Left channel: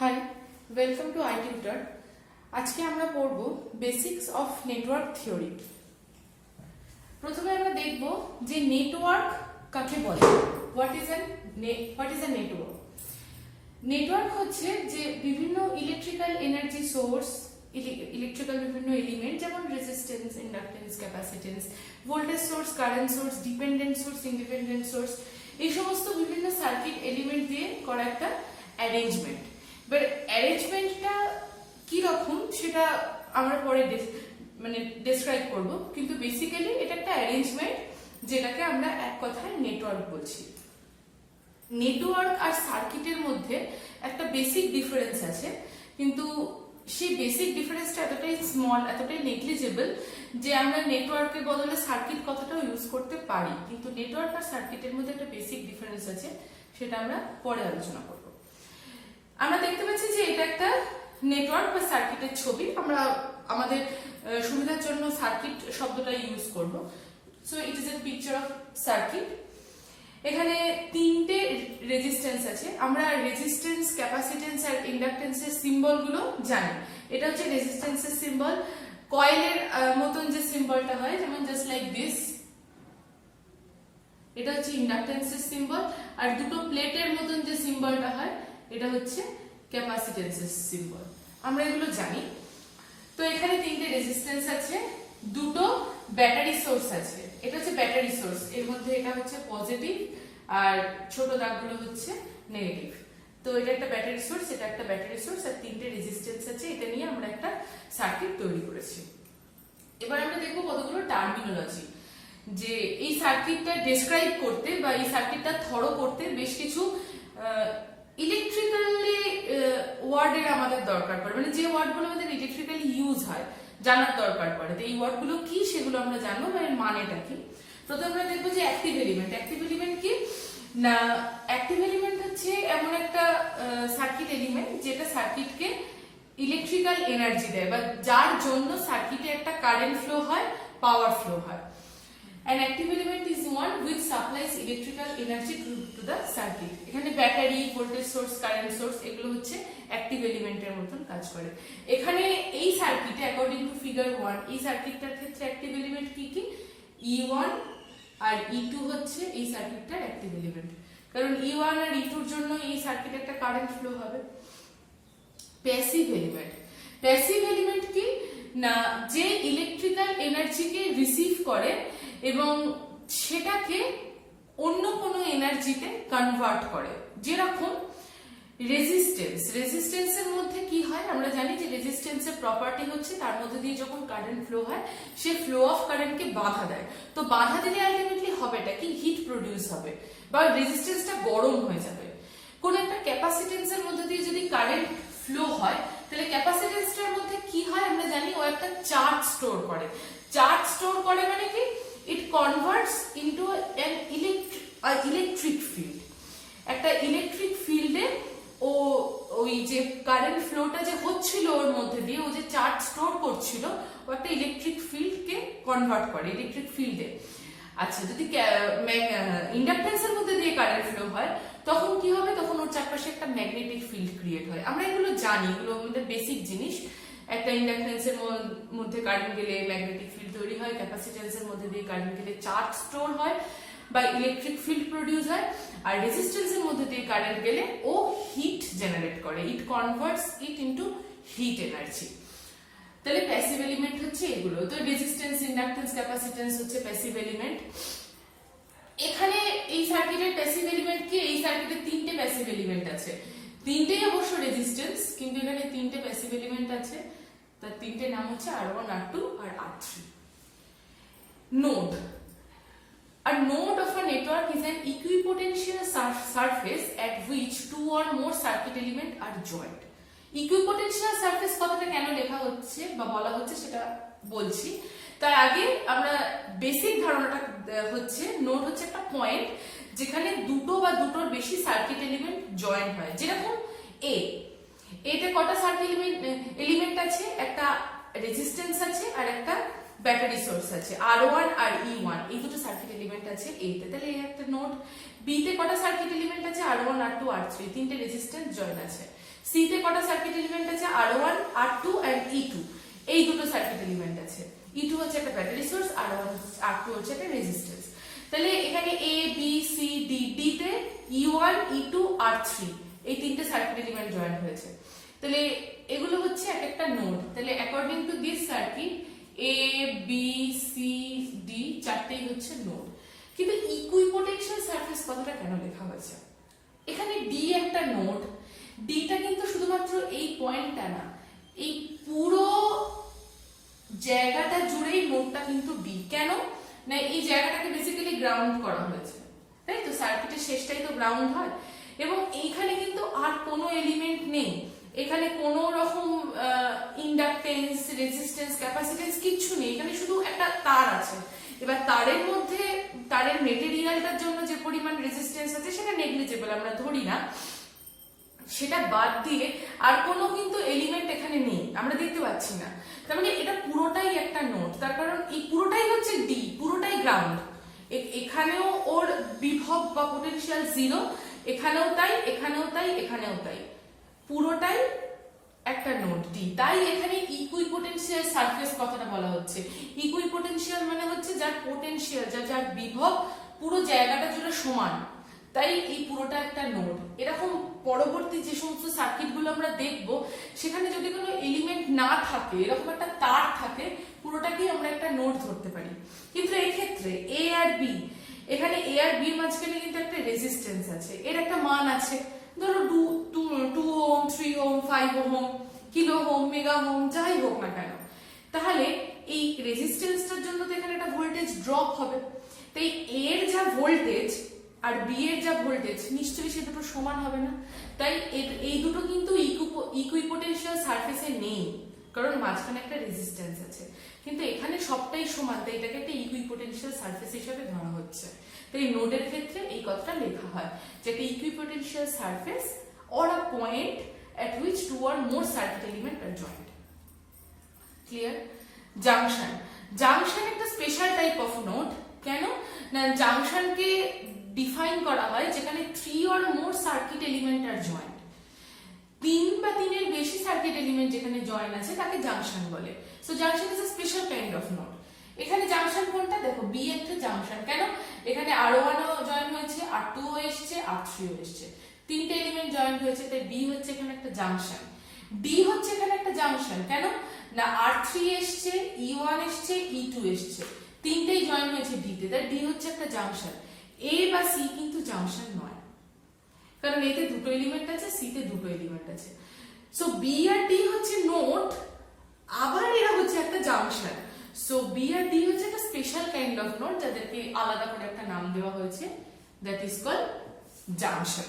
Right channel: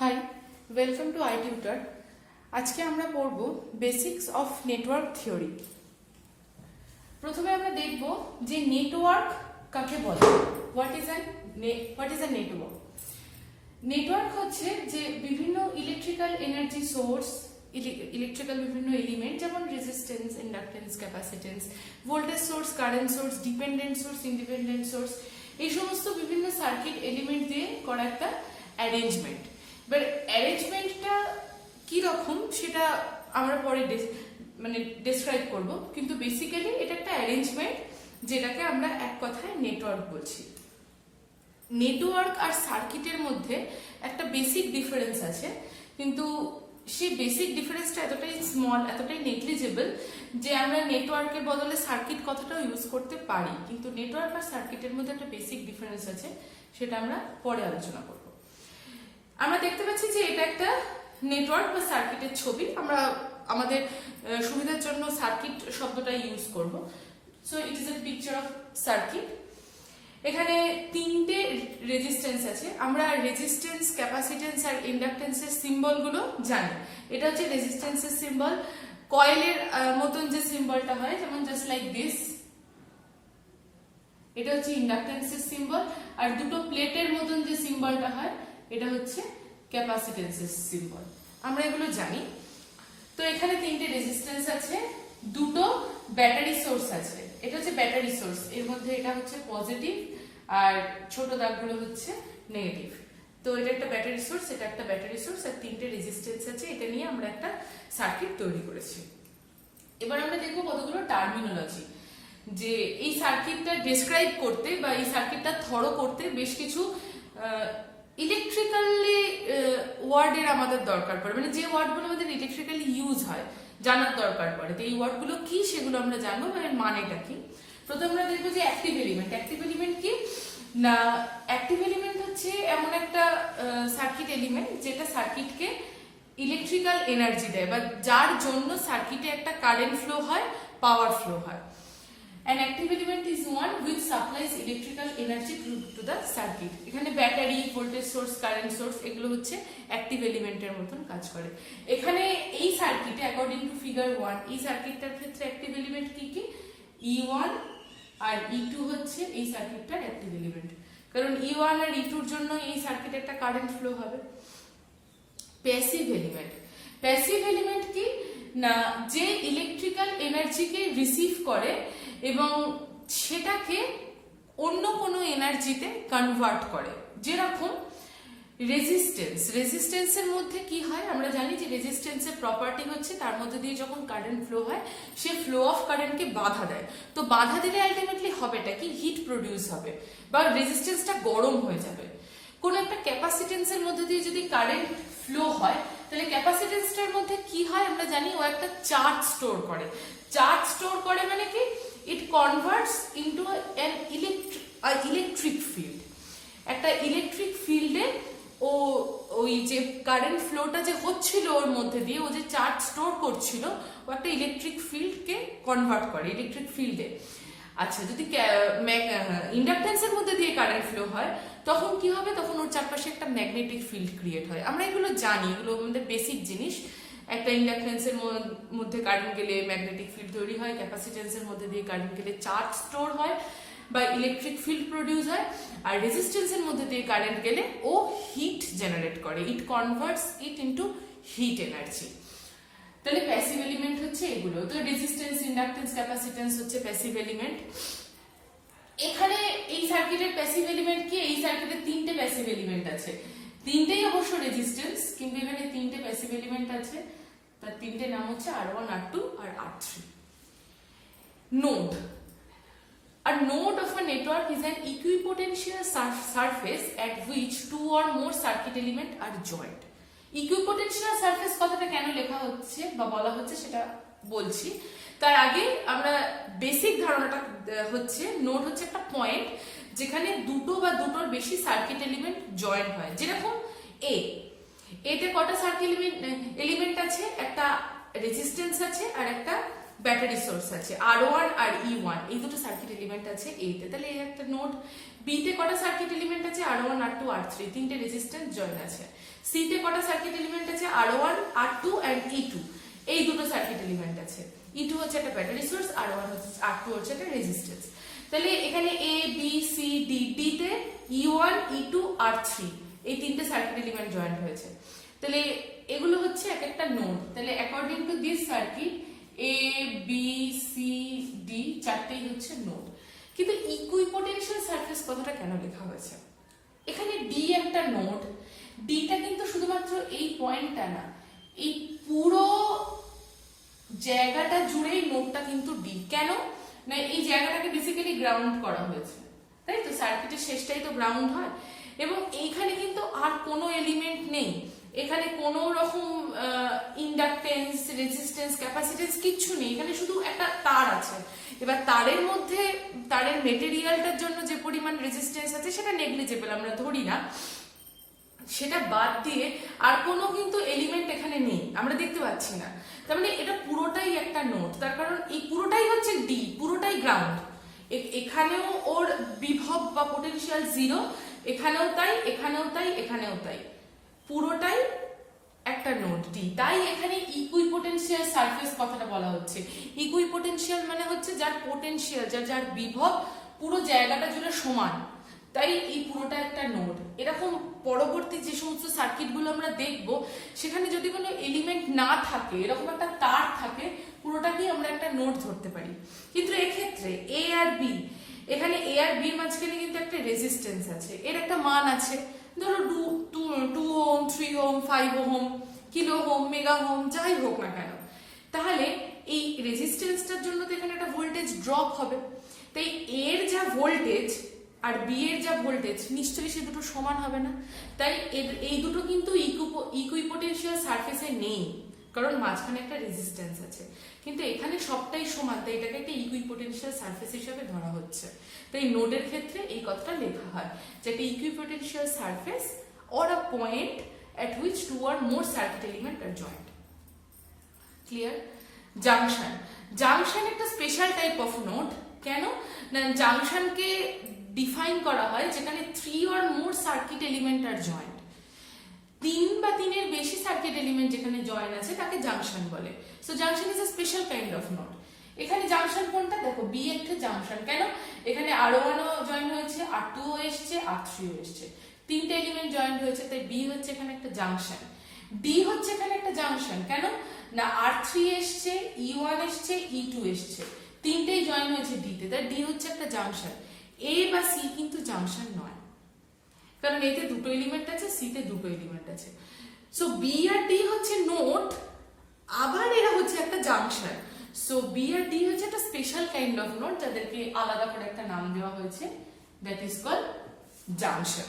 High, welcome to iTutor। আজকে আমরা পড়ব বেসিক্স অফ নেটওয়ার্ক থিওরি। প্রথমে আমরা দেখব যে নেটওয়ার্ক কাকে বলে। What is a network? Network হচ্ছে যে বিভিন্ন ইলেকট্রিক্যাল এনার্জি সোর্স, ইলেকট্রিক্যাল বিভিন্ন এলিমেন্ট যেমন resistance, inductance, capacitance, voltage source, current source, dependent source, independent source, এই সমস্ত বিভিন্ন সার্কিট এলিমেন্ট দিয়ে করা একটা অ্যারেঞ্জমেন্ট। এবার অ্যারেঞ্জমেন্টটা কি রকম সেটা আমরা পরে ডেসক্রাইব করব, কিন্তু বেসিক্যালি এটা একটা অ্যারেঞ্জমেন্ট যেটাকে আমরা এক কথায় নেটওয়ার্ক বলছি। নেটওয়ার্ক আর সার্কিটের মধ্যে একটা বেসিক ডিফারেন্স আছে, কিন্তু সেই বেসিক ডিফারেন্সটা এতটাই স্মল, এতটাই নেগলিজেবল যে আমরা নেটওয়ার্কের বদলে সার্কিট কথাটাও ইউজ করতে পারি, কিন্তু নেটওয়ার্ক আর সার্কিটের মধ্যে একটা বেসিক ডিফারেন্স আছে, সেটা আমরা পরে আলোচনা করব। আমরা দেখতে পাচ্ছি যে এটা একটা নেটওয়ার্ক বা সার্কিটের ছবি। আমরা আমাদের সুবিধার জন্য সার্কিট শব্দটা ইউজ করব। So it is a picture of circuit. এখানে তিনটে রেজিস্ট্যান্স আছে। আমরা রেজিস্ট্যান্স, ক্যাপাসিট্যান্স আর ইন্ডাকট্যান্সের সিম্বলগুলো জানি। এটা হচ্ছে রেজিস্ট্যান্সের সিম্বল। কয়েলের মতন যে সিম্বলটা হয়, যেমন জাস্ট লাইক দিস, এটা হচ্ছে ইন্ডাকট্যান্সের সিম্বল। আর দুটো প্লেটের মতন যে সিম্বলটা হয়, এটা হচ্ছে ক্যাপাসিট্যান্সের সিম্বল। আমরা এগুলো জানি। তো এখানে তিনটে রেজিস্ট্যান্স আছে, দুটো ব্যাটারি সোর্স আছে। এটা হচ্ছে ব্যাটারি সোর্স, এর মধ্যে এটা হচ্ছে পজিটিভ আর ছোট দাগগুলো হচ্ছে নেগেটিভ। তো এটা একটা ব্যাটারি সোর্স, এটা একটা ব্যাটারি সোর্স, আর তিনটে রেজিস্ট্যান্স আছে। এটা নিয়ে আমরা একটা সার্কিট তৈরি করেছি। এবার আমরা দেখবো কতগুলো টার্মিনোলজি, যে এই সার্কিটটা ডেসক্রাইব করতে বা এই সার্কিটটা থরো করতে বেশ কিছু ইলেকট্রিক্যালি ওয়ার্ডের আমাদের দরকার পড়ে, মানে যে ওয়ার্ডগুলো আমাদের ইলেকট্রিক্যালি ইউজ হয় জানার দরকার পড়ে। তো এই ওয়ার্ডগুলো কি সেগুলো আমরা জানবো, মানে মানেটা কি। প্রথমে আমরা দেখবো যে অ্যাক্টিভ এলিমেন্ট। অ্যাক্টিভ এলিমেন্ট কি না, অ্যাক্টিভ এলিমেন্ট হচ্ছে এমন একটা সার্কিট এলিমেন্ট যেটা সার্কিটকে ইলেকট্রিক্যাল এনার্জি দেয়, বা যার জন্য সার্কিটে একটা কারেন্ট ফ্লো হয়, পাওয়ার ফ্লো হয়। An active element is one which supplies electrical energy to the circuit. এখানে battery, voltage source, current source এগুলো হচ্ছে অ্যাক্টিভ এলিমেন্টের মতন কাজ করে। এখানে এই সার্কিটে অ্যাকর্ডিং টু ফিগার 1, এই সার্কিটটার ক্ষেত্রে অ্যাক্টিভ এলিমেন্ট কি কি, E1 আর E2 হচ্ছে এই সার্কিটটার অ্যাক্টিভ এলিমেন্ট, কারণ E1 আর E2 এর জন্য এই সার্কিটে একটা কারেন্ট ফ্লো হবে। Passive element. প্যাসিভ এলিমেন্ট কি না, যে ইলেকট্রিক্যাল এনার্জিকে রিসিভ করে এবং সেটাকে অন্য কোনো এনার্জিতে কনভার্ট করে। যেরকম রেজিস্ট্যান্স, রেজিস্ট্যান্সের মধ্যে কি হয় আমরা জানি যে রেজিস্ট্যান্সের প্রপার্টি হচ্ছে তার মধ্যে দিয়ে যখন কারেন্ট ফ্লো হয়, সে ফ্লো অফ কারেন্টকে বাধা দেয়। তো বাধা দিলে আলটিমেটলি হবেটা কি, হিট প্রডিউস হবে বা রেজিস্ট্যান্সটা গরম হয়ে যাবে। কোন একটা ক্যাপাসিট্যান্সের মধ্যে দিয়ে যদি কারেন্ট ফ্লো হয়, তাহলে ক্যাপাসিট্যান্সটার মধ্যে কি হয় আমরা জানি, ও একটা চার্জ স্টোর করে। চার্জ স্টোর করে মানে কি, it converts into an electric field. একটা ইলেকট্রিক ফিল্ডে ও ওই যে কারেন্ট ফ্লোটা যে হচ্ছিল ওর মধ্যে দিয়ে, ও যে চার্জ স্টোর করছিল, ও একটা ইলেকট্রিক ফিল্ডকে কনভার্ট করে ইলেকট্রিক ফিল্ডে। আচ্ছা, যদি ইন্ডাকট্যান্সের মধ্যে দিয়ে কারেন্ট ফ্লো হয়, তখন কি হবে, তখন ওর চারপাশে একটা ম্যাগনেটিক ফিল্ড ক্রিয়েট হয়। আমরা এগুলো জানি, এগুলো আমাদের বেসিক জিনিস। একটা ইন্ডাকট্যান্সের মধ্যে কারেন্ট গেলে ম্যাগনেটিক ফিল্ড তৈরি হয়, ক্যাপাসিট্যান্সের মধ্যে দিয়ে কারেন্ট গেলে চার্জ স্টোর হয় বা ইলেকট্রিক ফিল্ড প্রডিউস হয়, আর রেজিস্ট্যান্সের মধ্যে দিয়ে কারেন্ট গেলে ও হিট জেনারেট করে, it converts it into heat energy. তাহলে প্যাসিভ এলিমেন্ট হচ্ছে এগুলো। তো রেজিস্ট্যান্স, ইন্ডাকট্যান্স, ক্যাপাসিট্যান্স হচ্ছে প্যাসিভ এলিমেন্ট। এখানে এই সার্কিটের প্যাসিভ এলিমেন্ট কি, এই সার্কিটে তিনটে প্যাসিভ এলিমেন্ট আছে। তিনটেই অবশ্য রেজিস্ট্যান্স, কিন্তু এখানে তিনটে প্যাসিভ এলিমেন্ট আছে। তার তিনটে নাম হচ্ছে R1, R2 আর R3। Node. A node of a network is an equipotential surface at which two or more circuit elements are joined. Equipotential surface কথাটা কেন লেখা হচ্ছে বা বলা হচ্ছে সেটা বলছি। তার আগে আমরা বেসিক ধারণাটা হচ্ছে, নোড হচ্ছে একটা পয়েন্ট যেখানে দুটো বা দুটোর বেশি সার্কিট এলিমেন্ট জয়েন হয়। যেরকম এতে কটা সার্কিট এলিমেন্ট আছে, একটা রেজিস্ট্যান্স আছে আর একটা ব্যাটারি সোর্স আছে R1 আর E1, এই দুটো সার্কিট এলিমেন্ট আছে এইতে, তাহলে এই একটা নোড। বি তে কটা সার্কিট এলিমেন্ট আছে R1 R2 R3, তিনটে রেজিস্ট্যান্স জয়েন আছে। সি তে কটা সার্কিট এলিমেন্ট আছে R1 R2 এন্ড E2, এই দুটো সার্কিট এলিমেন্ট আছে। E2 হচ্ছে একটা ব্যাটারি সোর্স, R1 R2 হচ্ছে একটা রেজিস্ট্যান্স। তাহলে এখানে A B C D, D তে E1 E2 R3, এই তিনটে সার্কিট এলিমেন্ট জয়েন হয়েছে। তাহলে এগুলো হচ্ছে এক একটা নোড। তাহলে according to this circuit A B C D চারটেই হচ্ছে নোড। কিন্তু ইকুইপোটেনশিয়াল সারফেস কথাটা কেন লেখা হয়েছে? এখানে D একটা নোড, ডিটা কিন্তু শুধুমাত্র এই পয়েন্টটা না, এই পুরো জায়গাটা জুড়েই নোডটা কিন্তু ডি। কেন না, এই জায়গাটাকে বেসিক্যালি গ্রাউন্ড করা হয়েছে, তাই তো? সার্কিটের শেষটাই তো গ্রাউন্ড হয়। এবং এইখানে কিন্তু আর কোনো এলিমেন্ট নেই, এখানে কোনো রকম ইন্ডাকটেন্স, রেজিস্ট্যান্স, ক্যাপাসিটেন্স কিচ্ছু নেই, এখানে শুধু একটা তার আছে। এবার তারের মধ্যে তারের মেটেরিয়ালটার জন্য যে পরিমাণ রেজিস্ট্যান্স আছে সেটা নেগলিজেবল, আমরা ধরি না, সেটা বাদ দিয়ে আর কোনো কিন্তু এলিমেন্ট এখানে নেই, আমরা দেখতে পাচ্ছি না। তার মানে এটা পুরোটাই একটা নোড, তার কারণ এই পুরোটাই হচ্ছে ডি, পুরোটাই গ্রাউন্ড। এখানেও ওর বিভব বা পোটেনশিয়াল জিরো, এখানেও তাই, এখানেও তাই, এখানেও তাই, পুরোটাই একটা নোড ডি। তাই এখানে ইকুইপোটেনশিয়াল সারফেস কথাটা বলা হচ্ছে। ইকুইপোটেনশিয়াল মানে হচ্ছে যার পোটেনশিয়াল, যার বিভব পুরো জায়গাটা জুড়ে সমান, তাই এই পুরোটা একটা নোড। এরকম পরবর্তী যে সমস্ত সার্কিটগুলো আমরা দেখব সেখানে যদি কোনো এলিমেন্ট না থাকে, এরকম একটা তার থাকে, পুরোটাকেই আমরা একটা নোড ধরতে পারি। কিন্তু এক্ষেত্রে এ আর বি, এখানে এ আর বির মাঝখানে কিন্তু একটা রেজিস্ট্যান্স আছে, এর একটা মান আছে, ধরো 2 ohm, 3 ohm, 5 ohm, kilo ohm, mega ohm, যাই হোক না কেন। তাহলে এই রেজিস্ট্যান্সটার জন্য তো এখানে একটা ভোল্টেজ ড্রপ হবে, তাই এর যা ভোল্টেজ আর বি এর যা ভোল্টেজ নিশ্চয়ই সে দুটো সমান হবে না। তাই এই দুটো কিন্তু ইকুইপোটেনশিয়াল সারফেসে নেই, কারণ মাঝখানে একটা রেজিস্ট্যান্স আছে। কিন্তু এখানে সবটাই সমান, তাই এটাকে একটা ইকুইপোটেনশিয়াল সারফেস হিসেবে ধরা হচ্ছে। তাই নোডের ক্ষেত্রে এই কথাটা লেখা হয় যে একটা equipotential surface or a point at which two or more circuit elements are joined. Clear? Junction. Junction একটা স্পেশাল টাইপ অফ নোড। কেন না, জাংশনকে ডিফাইন করা হয় যেখানে 3 or more circuit element are joined, 3 বা 3 এর বেশি সার্কিট এলিমেন্ট যেখানে জয়েন আছে তাকে জাংশন বলে। So junction is a special kind of node. এখানে জাংশন কোনটা দেখো, বি একটা জাংশন। কেন, এখানে R1 ও জয়েন হয়েছে, R2 ও এসেছে, R3 ও এসেছে, তিনটে এলিমেন্ট জয়েন হয়েছে, তাই বি হচ্ছে এখানে একটা জাংশন। ডি হচ্ছে এখানে একটা জাংশন। কেন না, R3 এসেছে, E1 এসেছে, E2 এসেছে, তিনটেই জয়েন হয়েছে ডি তে, তাই ডি হচ্ছে একটা জাংশন। এ বা সি কিন্তু জাংশন নয়, কারণ এতে দুটো এলিমেন্ট আছে, সি তে দুটো এলিমেন্ট আছে। সো বি আর ডি হচ্ছে নোড, আবার এরা হচ্ছে একটা জাংশন। সো বি আর ডি হচ্ছে একটা স্পেশাল কাইন্ড অফ নোড, যাদেরকে আলাদা করে একটা নাম দেওয়া হয়েছে, দ্যাট ইজ কল্ড জাংশন।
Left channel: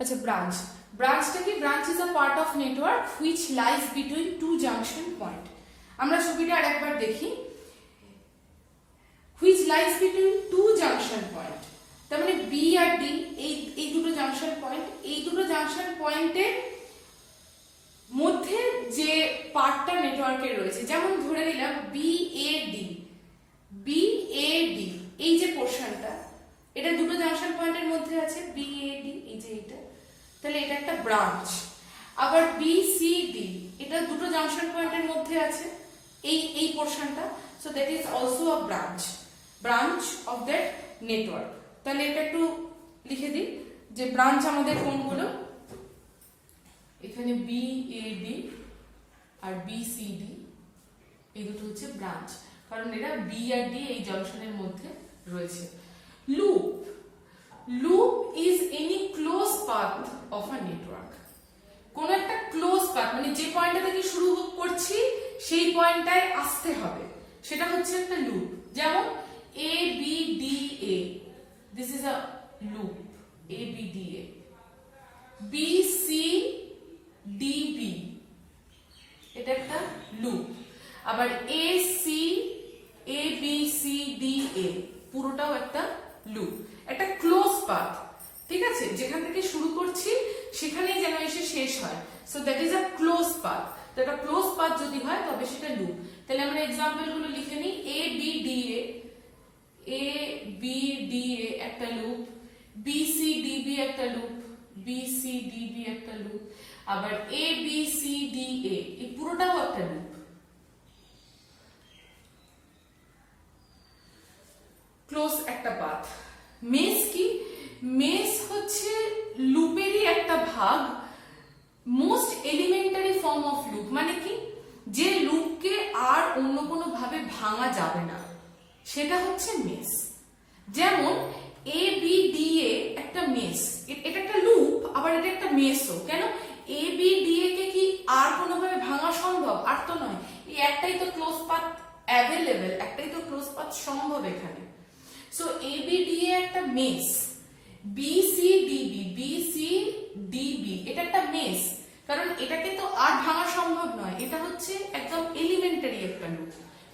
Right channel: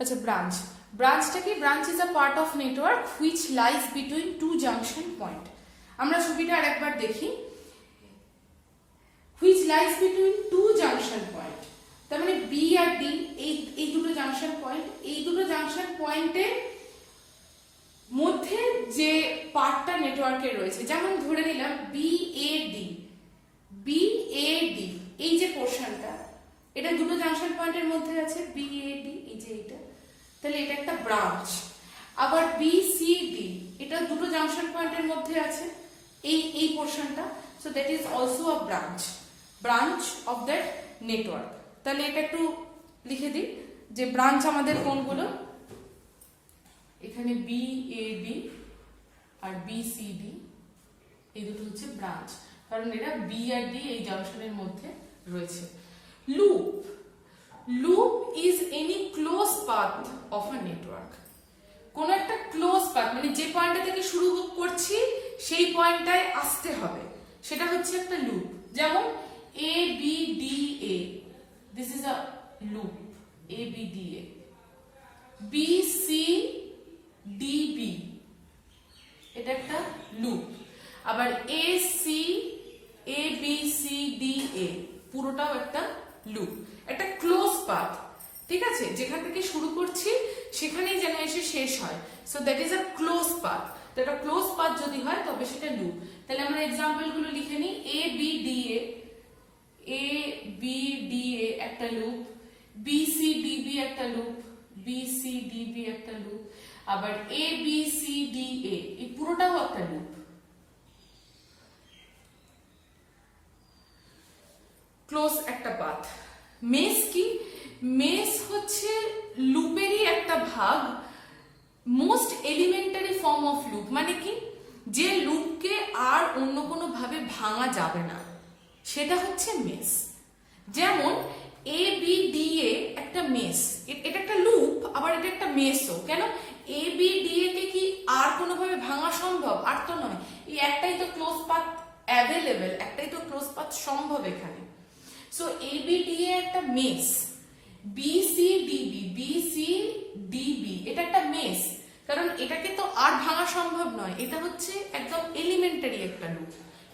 আচ্ছা, ব্রাঞ্চ। ব্রাঞ্চটা কি? Branch is a part of network which lies between two junction point. আমরা ছবিটা আরেকবার দেখি। Which lies between two junction point, তার মানে বি আর ডি, এই দুটো জাংশন পয়েন্ট, এই দুটো জাংশন পয়েন্টের মধ্যে যে পার্টটা নেটওয়ার্কে রয়েছে, যেমন ধরে নিলাম B A D, B A D, এই যে পোর্শনটা, এটা দুটো জাংশন পয়েন্টের মধ্যে আছে, বি এ ডি, এই যে এটা, তাহলে এটা একটা ব্রাঞ্চ। আবার বি সি ডি, এটা দুটো জাংশন পয়েন্টের মধ্যে আছে, এই পোর্শনটা, so that is also a branch of that network. তাহলে এটা একটু লিখে দিই যে ব্রাঞ্চ আমাদের কোনগুলো, এখানে বি এ ডি আর বি সি ডি, এই দুটো হচ্ছে ব্রাঞ্চ, কারণ এরা বি আর ডি এই জাংশনের মধ্যে রয়েছে। Loop. Loop is any close path of a network. কোন একটা ক্লোজ পাথ, মানে যে পয়েন্টটা থেকে শুরু করছি সেই পয়েন্টটায় আসতে হবে, সেটা হচ্ছে একটা লুপ। যেমন A B D A, this is a loop, A B D A. B C D B, এটা একটা লুপ। আবার A C, A B C D A, পুরোটাও একটা লুপ, একটা ক্লোজ পাথ। ঠিক আছে, যেখান থেকে শুরু করছি সেখানেই যেন এসে শেষ হয়, so that is a close path. তো একটা ক্লোজ পাথ যদি হয় তবে সেটা লুপ। তাহলে আমরা এক্সাম্পল গুলো লিখে নিই। এ বি ডি এ একটা loop, B C D B একটা loop, B C D B একটা লুপ, আবার A B C D A এই পুরোটাও একটা লুপ। ক্লোজ একটা পাথ। মেস কি? মেস হচ্ছে লুপেরই একটা ভাগ, most elementary form of loop. মানে কি? যে লুপকে আর অন্য কোনো ভাবে ভাঙা যাবে না, সেটা হচ্ছে মেস। যেমন এ বি ডি এ একটা মেস, এটা একটা লুপ, আবার এটা একটা মেসও। কেন? এ বি ডি এ কে কি আর কোনোভাবে ভাঙা সম্ভব? আর তো নয়। এই একটাই তো ক্লোজ পাথ অ্যাভেলেবেল, একটাই তো ক্লোজ পাথ সম্ভব এখানে। So A B D A একটা mesh, B C D B এটা একটা মেস, কারণ এটাকে তো আর ভাঙা সম্ভব নয়, এটা হচ্ছে একদম এলিমেন্টারি একটা লুপ।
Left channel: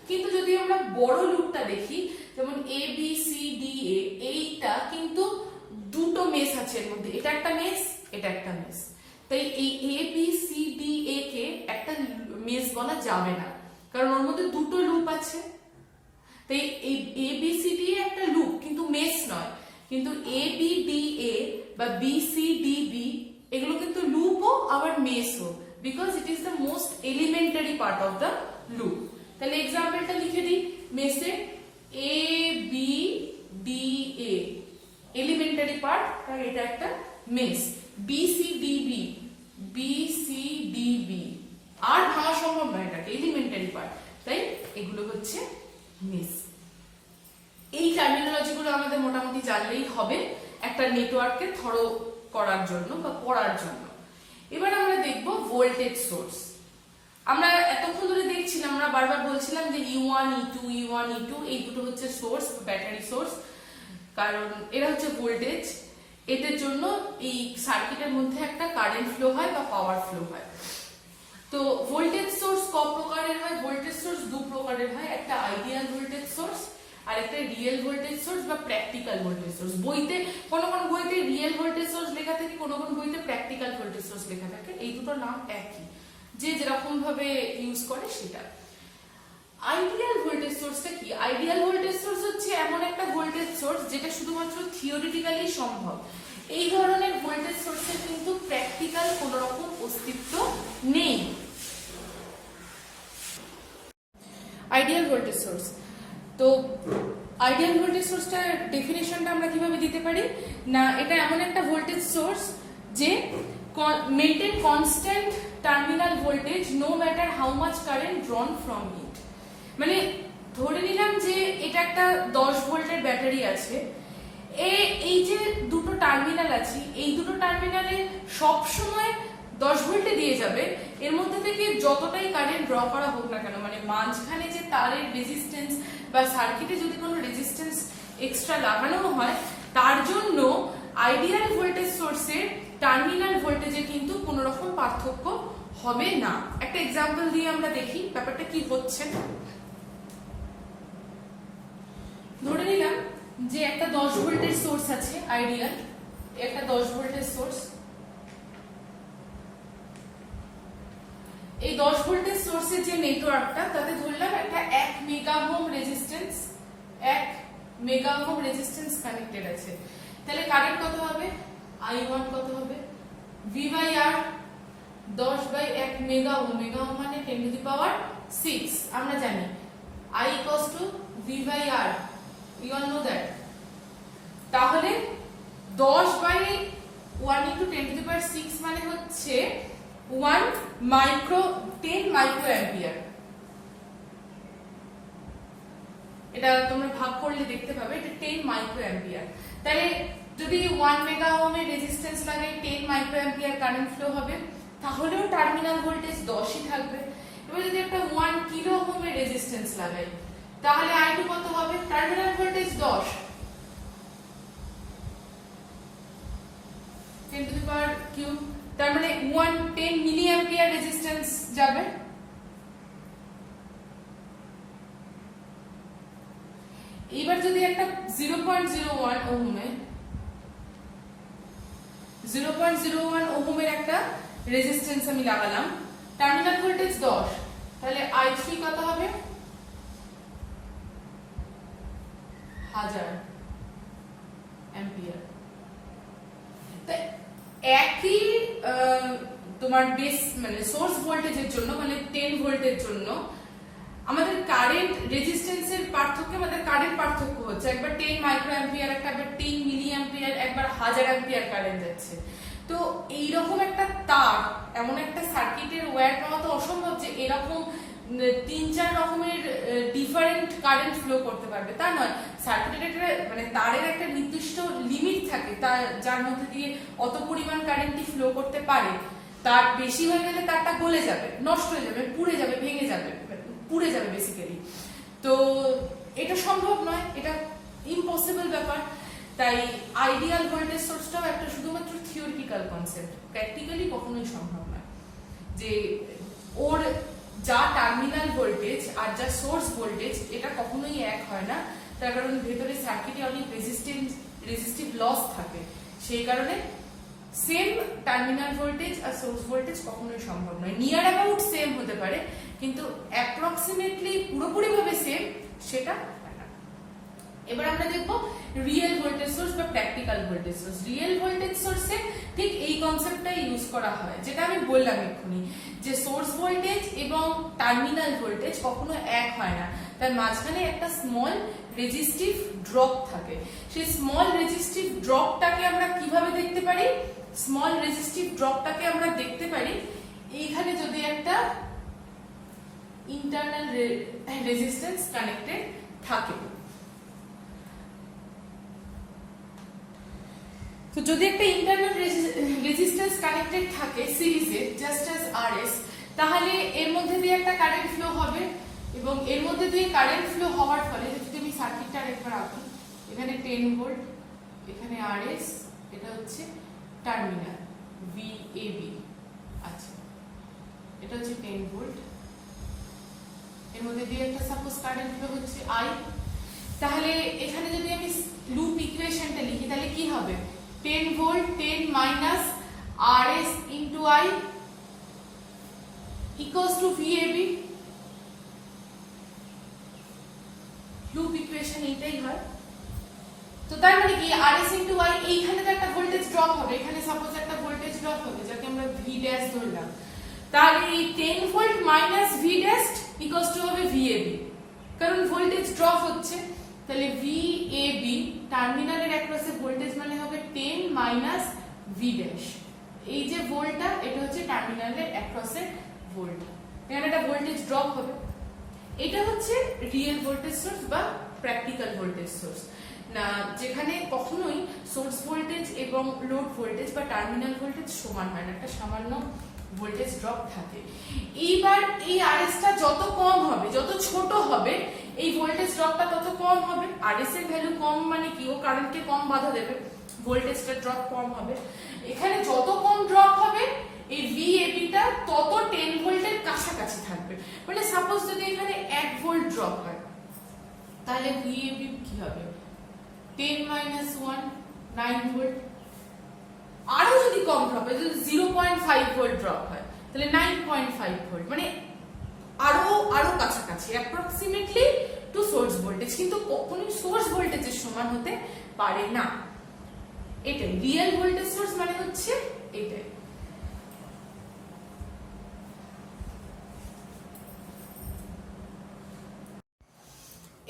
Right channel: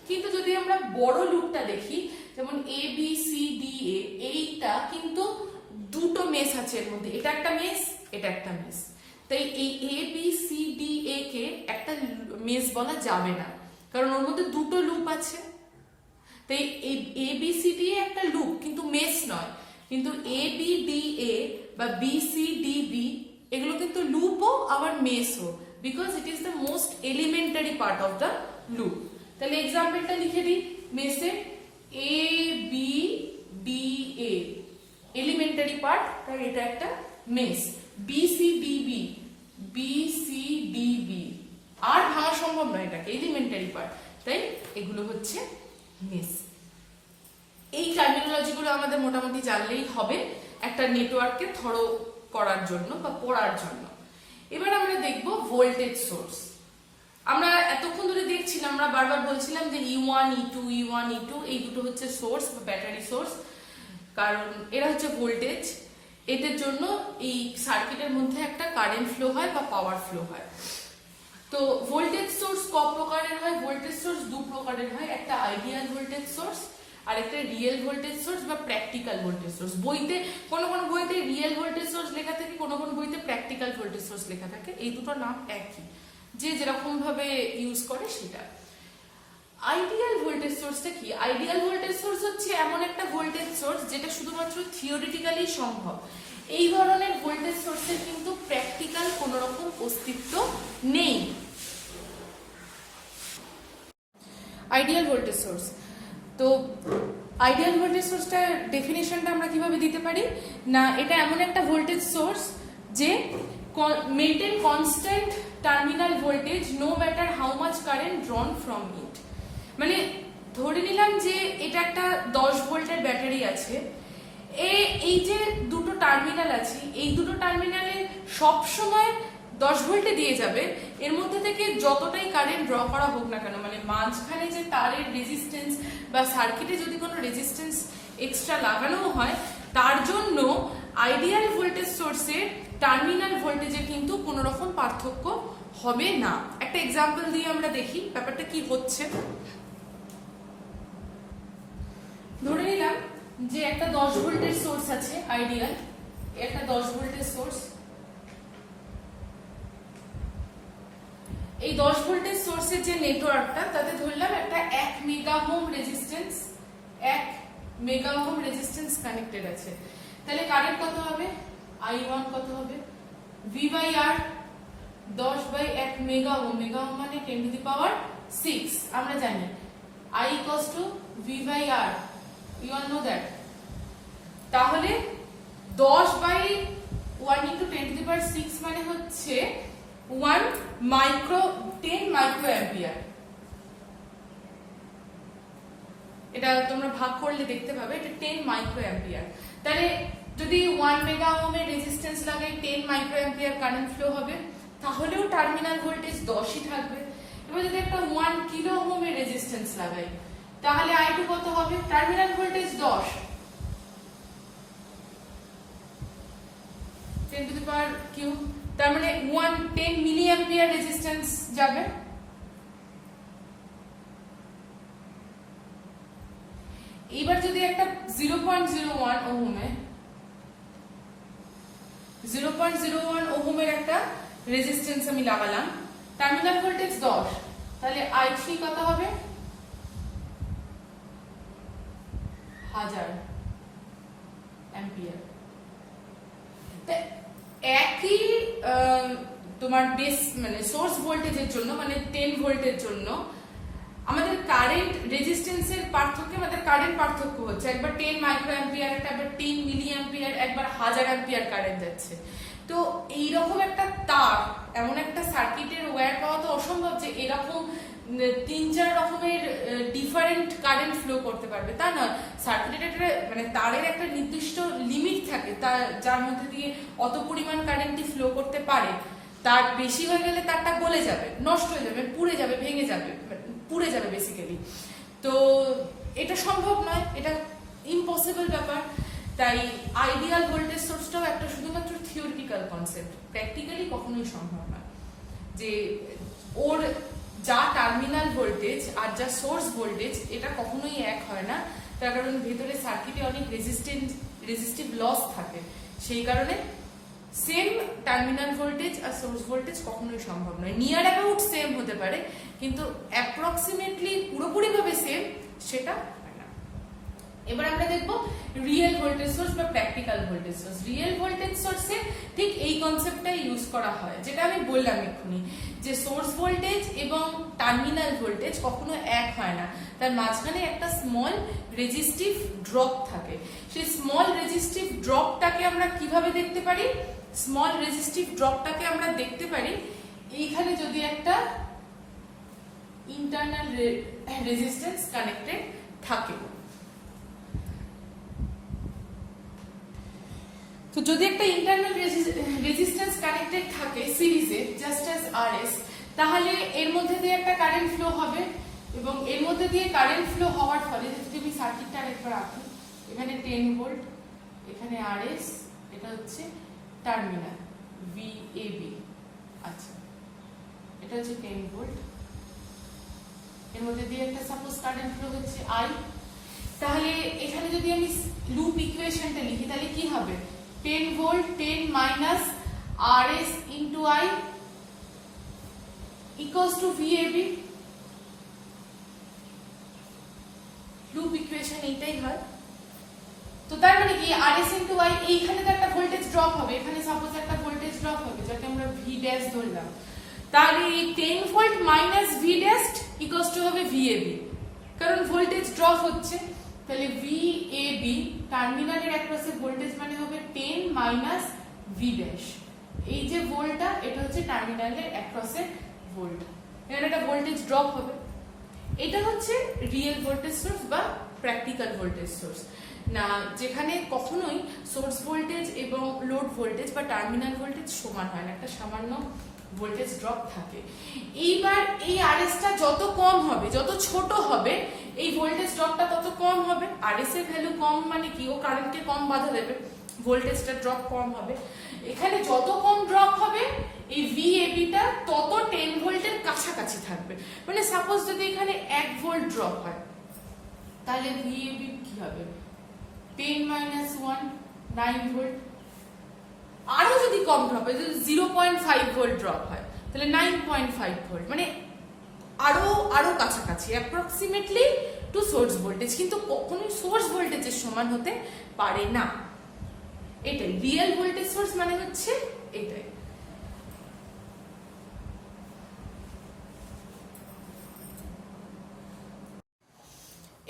কিন্তু যদি আমরা বড় লুপটা দেখি, যেমন এ বি সি ডি এ, এইটা কিন্তু দুটো মেস আছে এর মধ্যে, এটা একটা মেস, এটা একটা মেস। তাই এই এ বি সি ডি এ কে একটা মেস বলা যাবে না, কারণ ওর মধ্যে দুটো লুপ আছে। তাই এই এ বি সি ডি একটা লুপ কিন্তু মেস নয়। কিন্তু এ বি ডি এ বা বি সি ডি বি এগুলো কিন্তু লুপও আবার মেসও, because it is the most elementary part of the loop. তাহলে এক্সাম্পলটা লিখে দিই মেসের। A B D A elementary part, তাই এটা একটা mesh. B C D B আর ভাঙা সম্ভব নয়, এটাকে এলিমেন্টারি পার্ট, তাই এগুলো হচ্ছে মেস। এই টার্মিনোলজি গুলো আমাদের মোটামুটি জানলেই হবে একটা নেটওয়ার্ককে থরো করার জন্য বা পড়ার জন্য। এবার আমরা দেখব ভোল্টেজ সোর্স। আমরা এতক্ষণ ধরে দেখছিলাম, আমরা বারবার বলছিলাম যে E1 E2 এই দুটো হচ্ছে সোর্স, ব্যাটারি সোর্স, কারণ এরা হচ্ছে ভোল্টেজ। এদের জন্য এই সার্কিটের মধ্যে একটা কারেন্ট ফ্লো হয় বা পাওয়ার ফ্লো হয়। তো ভোল্টেজ সোর্স ক প্রকারের হয়? ভোল্টেজ সোর্স দু প্রকারের হয়, একটা আইডিয়াল ভোল্টেজ সোর্স আর একটা রিয়েল ভোল্টেজ সোর্স বা প্র্যাকটিক্যাল ভোল্টেজ সোর্স। বইতে কোন বইতে রিয়েল ভোল্টেজ সোর্স লেখা থাকে, কোন বইতে প্র্যাকটিক্যাল ভোল্টেজ সোর্স লেখা থাকে। এই দুটো নাম একই, যে যেরকম ভাবে ইউজ করে সেটা। আইডিয়াল ভোল্টেজ সোর্সটা কি? আইডিয়াল ভোল্টেজ সোর্স হচ্ছে এমন একটা ভোল্টেজ সোর্স যেটা শুধুমাত্র থিওরিটিক্যালি সম্ভব। এই ধরনের ভোল্টেজ সোর্সের কিন্তু প্র্যাকটিক্যাল কোন রকম অস্তিত্ব নেই। আইডিয়াল ভোল্টেজ সোর্স, তো আইডিয়াল ভোল্টেজ সোর্সটার ডেফিনেশনটা আমরা কিভাবে দিতে পারি না, এটা এমন একটা ভোল্টেজ সোর্স যে maintain constant terminal voltage no matter how much current drawn from it. মানে ধরে নিলাম যে এটা একটা 10 ভোল্টের ব্যাটারি আছে, এই যে দুটো টার্মিনাল আছে, এই দুটো টার্মিনালে সব সময় 10 ভোল্টে দিয়ে যাবে। এর মধ্যে থেকে যতটাই কারেন্ট ড্র করা হোক না কেন, মানে মাঝখানে যে তারের রেজিস্ট্যান্স বা সার্কিটে যদি কোনো রেজিস্ট্যান্স এক্সট্রা লাগানো হয়, তার জন্য আইডিয়াল ভোল্টেজ সোর্সের টার্মিনাল ভোল্টেজে কিন্তু কোনো রকম পার্থক্য হবে না। একটা এক্সাম্পল দিয়ে আমরা দেখি ব্যাপারটা কি হচ্ছে। ধরে নিলাম যে একটা 10 ভোল্টের সোর্স আছে আইডিয়াল, একটা 10 ভোল্টের সোর্স। এই 10 ভোল্টের সোর্সের যে নেটওয়ার্কটা, তাতে ধরলাম একটা 1 mega ohm resistance, 1 mega ohm resistance connected আছে। তাহলে কারেন্ট কত হবে? I1 কত হবে? V by R 10 by 1 mega ohm, mega ohm মানে 10 টু দি পাওয়ার 6। আমরা জানি I equals to V by R, we all know that. তাহলে 10 by 1 into 10 to the power 6 মানে হচ্ছে 10 মাইক্রো অ্যাম্পিয়ার। এটা তোমরা ভাগ করলে দেখতে পাবে এটা 10 মাইক্রো অ্যাম্পিয়ার। তাহলে যদি 1 মেগা ওহমের রেজিস্ট্যান্স লাগাই 10 মাইক্রো অ্যাম্পিয়ার কারেন্ট ফ্লো হবে, তাহলেও টার্মিনাল ভোল্টেজ 10ই থাকবে। এবার যদি একটা 1 কিলো ওহমের রেজিস্ট্যান্স লাগাই, তাহলে I2 কত হবে? Terminal voltage 10, 10 to the power cube, তার মানে 10 মিলি অ্যাম্পিয়ার রেজিস্ট্যান্স যাবে। এবার যদি একটা 0.01 ওহমের একটা রেজিস্ট্যান্স আমি লাগালাম, টার্মিনাল ভোল্টেজ 10, তাহলে I3 কত হবে 1000 অ্যাম্পিয়ার। একই তোমার বেস মানে সোর্স ভোল্টেজের জন্য মানে 10 ভোল্টের জন্য আমাদের কারেন্ট রেজিস্ট্যান্সের পার্থক্য, আমাদের কারেন্ট পার্থক্য হচ্ছে, একবার 10 মাইক্রো অ্যাম্পিয়ার, একবার 10 মিলি অ্যাম্পিয়ার, একবার 1000 অ্যাম্পিয়ার কারেন্ট যাচ্ছে। তো এইরকম একটা তার, এমন একটা সার্কিটের ওয়্যার পাওয়া তো অসম্ভব যে এরকম 3-4 রকমের ডিফারেন্ট কারেন্ট ফ্লো করতে পারবে, তা নয়। সার্কিটের একটা মানে তারের একটা নির্দিষ্ট লিমিট থাকে, তার যার মধ্যে দিয়ে অত পরিমাণ কারেন্টই ফ্লো করতে পারে। তার বেশি হয়ে গেলে তারটা গলে যাবে, নষ্ট হয়ে যাবে, পুড়ে যাবে, ভেঙে যাবে, পুড়ে যাবে বেসিক্যালি। তো এটা সম্ভব নয়, এটা ইম্পসিবল ব্যাপার। তাই আইডিয়াল ভোল্টেজ সোর্সটাও একটা শুধুমাত্র থিওরিটিক্যাল কনসেপ্ট, প্র্যাকটিক্যালি কখনোই সম্ভব নয় যে ওর যা টার্মিনাল ভোল্টেজ আর যা সোর্স ভোল্টেজ এটা কখনোই এক হয় না। তার কারণ ভেতরে সার্কিটে অনেক রেজিস্টিভ লস থাকে, সেই কারণে সেম টার্মিনাল ভোল্টেজ আর সোর্স ভোল্টেজ কখনোই সম্ভব নয়। নিয়ার অ্যাবাউট সেম হতে পারে, কিন্তু অ্যাপ্রক্সিমেটলি পুরোপুরি ভাবে সেম সেটা হয় না। এবার আমরা দেখব রিয়েল ভোল্টেজ সোর্স বা practical voltage source. Real voltage সোর্সে ঠিক এই কনসেপ্টটা ইউজ করা হয়, যেটা আমি বললাম এক্ষুনি, যে সোর্স ভোল্টেজ এবং টার্মিনাল ভোল্টেজ কখনো এক হয় না, তার মাঝখানে একটা স্মল রেজিস্টিভ ড্রপ থাকে। সেই স্মল রেজিস্টিভ ড্রপটাকে আমরা কিভাবে দেখতে পারি? স্মল রেজিস্টিভ ড্রপটাকে আমরা দেখতে পারি এইখানে যদি একটা ইন্টারনাল রেজিস্ট্যান্স কানেক্টেড থাকে। তো যদি একটা ইন্টারনাল রেজিস্ট্যান্স কানেক্টেড থাকে সিরিজে জাস্ট অ্যাজ আরএস, তাহলে এর মধ্যে দিয়ে একটা কারেন্ট ফ্লো হবে, এবং এর মধ্যে দিয়ে কারেন্ট ফ্লো হওয়ার ফলে যদি আমি সার্কিটটা আরেকবার আঁকি, এখানে 10 ভোল্ট, এখানে আরএস, এটা হচ্ছে টার্মিনাল ভিএবি। আচ্ছা, এটা হচ্ছে 10 ভোল্ট, এর মধ্যে দিয়ে একটা সাপোজ কারেন্ট ফ্লো হচ্ছে আই। তাহলে এখানে যদি আমি লুপ ইকুয়েশনটা লিখি তাহলে কি হবে? 10 volt 10 minus RS into I equals two VAB। Loop equation এইটাই হয়। তো তার মানে কি RS ইন্টু I, এইখানে তো একটা ভোল্টেজ ড্রপ হবে, এখানে সাপোজ একটা ভোল্টেজ ড্রপ হবে যাকে আমরা V ড্যাশ ধরলাম। তাহলে এই 10 volt minus V dash equals to হবে VAB, কারণ ভোল্টেজ ড্রপ হচ্ছে। তাহলে VAB টার্মিনালের অ্যাক্রসে ভোল্টেজ মানে হবে 10 মাইনাস V ড্যাশ। এই যে ভোল্টটা এটা হচ্ছে টার্মিনালের অ্যাক্রসে ভোল্ট, এখানে একটা ভোল্টেজ ড্রপ হবে। এটা হচ্ছে রিয়েল ভোল্টেজ সোর্স বা প্র্যাকটিক্যাল ভোল্টেজ সোর্স না, যেখানে কখনোই সোর্স ভোল্টেজ এবং লোড ভোল্টেজ বা টার্মিনাল ভোল্টেজ সমান হয় না, একটা সামান্য ভোল্টেজ ড্রপ থাকে। এইবার এই আরএসটা যত কম হবে, যত ছোট হবে, এই ভোল্টেজ ড্রপটা তত কম হবে। আরএস এর ভ্যালু কম মানে কি? ও কারেন্টকে কম বাধা দেবে, ভোল্টেজটা ড্রপ কম হবে। এখানে যত কম ড্রপ হবে এই ভিএবিটা তত 10 ভোল্টের কাছাকাছি থাকবে। মানে সাপোজ যদি এখানে 1 ভোল্ট ড্রপ হয়, তাহলে ভিএবি কি হবে? 10 মাইনাস 1 9 ভোল্ট। আরো যদি কম ড্রপ হয়, যদি 0.5 ভোল্ট ড্রপ হয়, তাহলে 9.5 ভোল্ট, মানে আরো কাছাকাছি, অ্যাপ্রক্সিমেটলি টু সোর্স ভোল্টেজ, কিন্তু কখনোই সোর্স ভোল্টেজের সমান হতে পারে না। এটাই রিয়েল ভোল্টেজ সোর্স মানে হচ্ছে এটাই।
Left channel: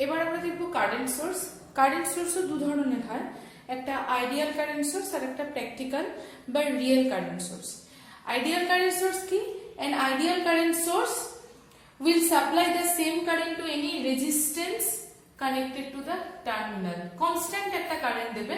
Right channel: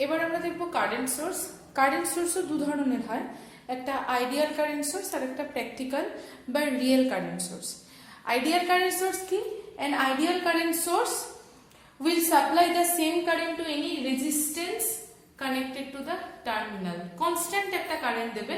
এবার আমরা দেখবো কারেন্ট সোর্স। কারেন্ট সোর্সও দু ধরনের হয়, একটা আইডিয়াল কারেন্ট সোর্স আর একটা প্র্যাকটিক্যাল বা real current source. Ideal current source কি? An ideal current source will supply the same current to any resistance connected to the terminal. Constant একটা কারেন্ট দেবে,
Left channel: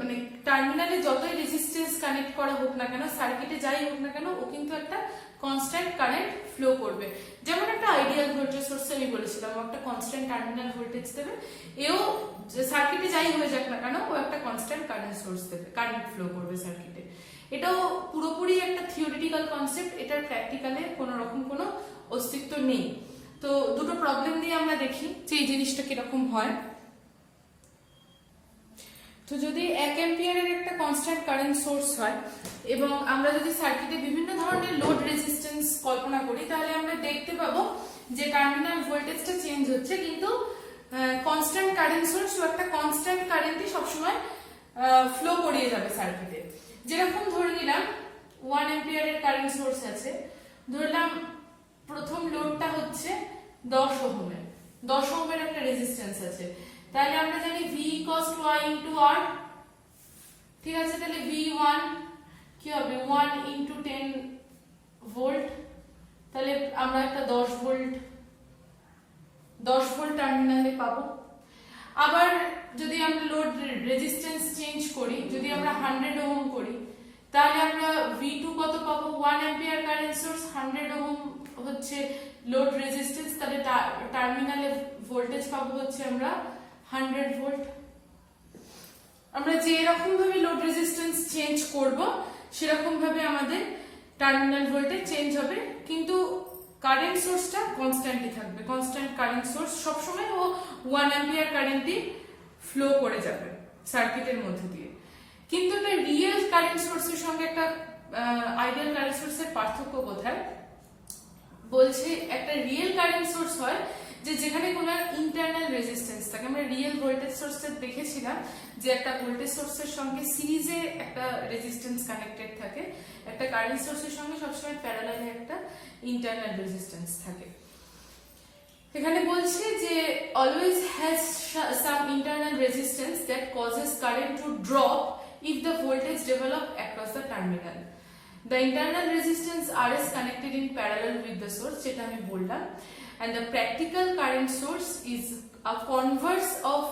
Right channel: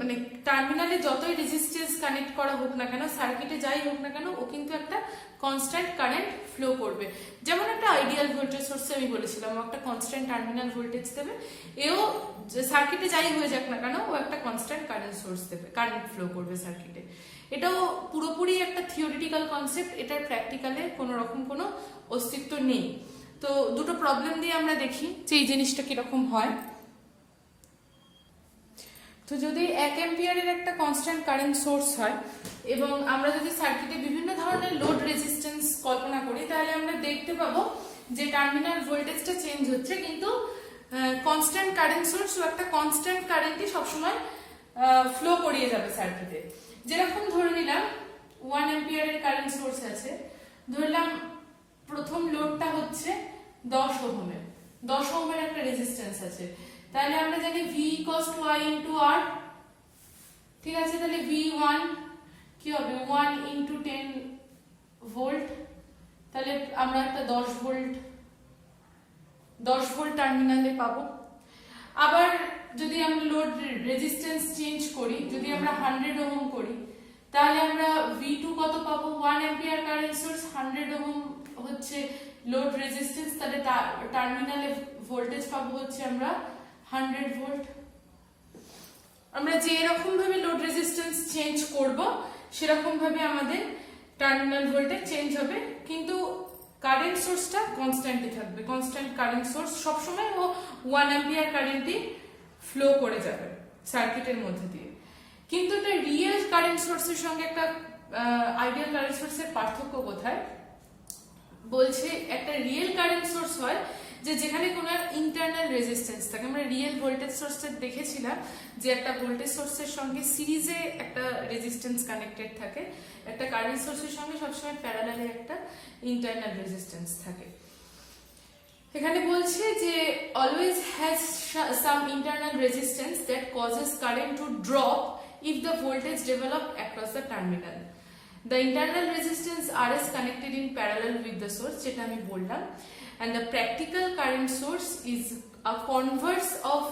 মানে টার্মিনালে যতই রেজিস্ট্যান্স কানেক্ট করা হোক না কেন, সার্কিটে যাই হোক না কেন, ও কিন্তু একটা কনস্ট্যান্ট কারেন্ট ফ্লো করবে। যেমন একটা আইডিয়াল ভোল্টেজ সোর্সে আমি বলেছিলাম ও একটা কনস্ট্যান্ট টার্মিনাল ভোল্টেজ দেবে, এও সার্কিটে যাই হয়ে যাক না কেন ও একটা কনস্ট্যান্ট কারেন্ট সোর্স দেবে, কারেন্ট ফ্লো করবে সার্কিটে। এটাও পুরোপুরি একটা থিওরিটিক্যাল কনসেপ্ট, এটার প্র্যাকটিক্যালে কোনো রকম কোনো অস্তিত্ব নেই। তো দুটো প্রবলেম দিয়ে আমরা দেখি যে এই জিনিসটা কিরকম হয়। তো যদি 1 অ্যাম্পিয়ারের একটা কনস্ট্যান্ট কারেন্ট সোর্স হয় এবং আমরা যদি সার্কিটে বিভিন্ন ধরনের লোড রেজিস্ট্যান্স কল্পনা করি, তাহলে আমরা দেখতে পাবো যে টার্মিনাল ভোল্টেজটা চেঞ্জ হচ্ছে, কিন্তু কনস্ট্যান্ট কারেন্ট সোর্স বা একটা কনস্ট্যান্ট কারেন্টই সবসময় ফ্লো করিয়ে যাবে সার্কিটে। যেরকম ধরে নিলাম 1 অ্যাম্পিয়ারের কারেন্ট সোর্স আছে, ধরলাম প্রথম লোডটা হচ্ছে 10 ওহমের, 10 ওহমের একটা রেজিস্ট্যান্স আছে, তাহলে আমরা জানি V = I * R, ঠিক আছে। তাহলে V1 কি হবে, 1 × 10 ভোল্ট, তাহলে আমরা একটা 10 ভোল্ট টার্মিনালে পাবো। আবার যদি আমরা লোড রেজিস্ট্যান্স চেঞ্জ করি, যদি আমরা 100 ওহম করি, তাহলে আমরা V2 কত পাবো, 1 অ্যাম্পিয়ার কারেন্ট সোর্স, 100 ওহম হচ্ছে লোড রেজিস্ট্যান্স, তাহলে টার্মিনালে ভোল্টেজ পাবো হচ্ছে আমরা 100 ভোল্ট। আমরা যে এরকম ভাবে লোড রেজিস্ট্যান্স চেঞ্জ করব, সেরকম ভাবে আমাদের টার্মিনাল ভোল্টেজ চেঞ্জ হবে, কিন্তু কারেন্ট সোর্সটা কনস্ট্যান্টই থাকবে। কনস্ট্যান্ট কারেন্ট সোর্স সবসময় ও 1 অ্যাম্পিয়ার কারেন্টই ফ্লো করে যাবে সার্কিটের মধ্যে দিয়ে। কিন্তু একটা রিয়েল কারেন্ট সোর্সের সঙ্গে একটা আইডিয়াল কারেন্ট সোর্সের পার্থক্য কোথায়, বলছে একটা রিয়েল কারেন্ট সোর্স হয় যে যেখানে কোনো ইন্টারনাল রেজিস্ট্যান্স থাকে। আমরা রিয়েল ভোল্টেজ সোর্সটা দেখেছিলাম যে একটা ভোল্টেজ সোর্সের সঙ্গে সিরিজে একটা রেজিস্ট্যান্স কানেক্টেড থাকে, একটা কারেন্ট সোর্সের সঙ্গে সবসময় প্যারালালে একটা ইন্টারনাল রেজিস্ট্যান্স থাকে। এখানে বলছে যে always has some internal resistance that causes current to drop if the voltage develop across the terminal. The internal resistance R is connected in parallel with the source, যেটা আমি বললাম, and the practical current source is a converse of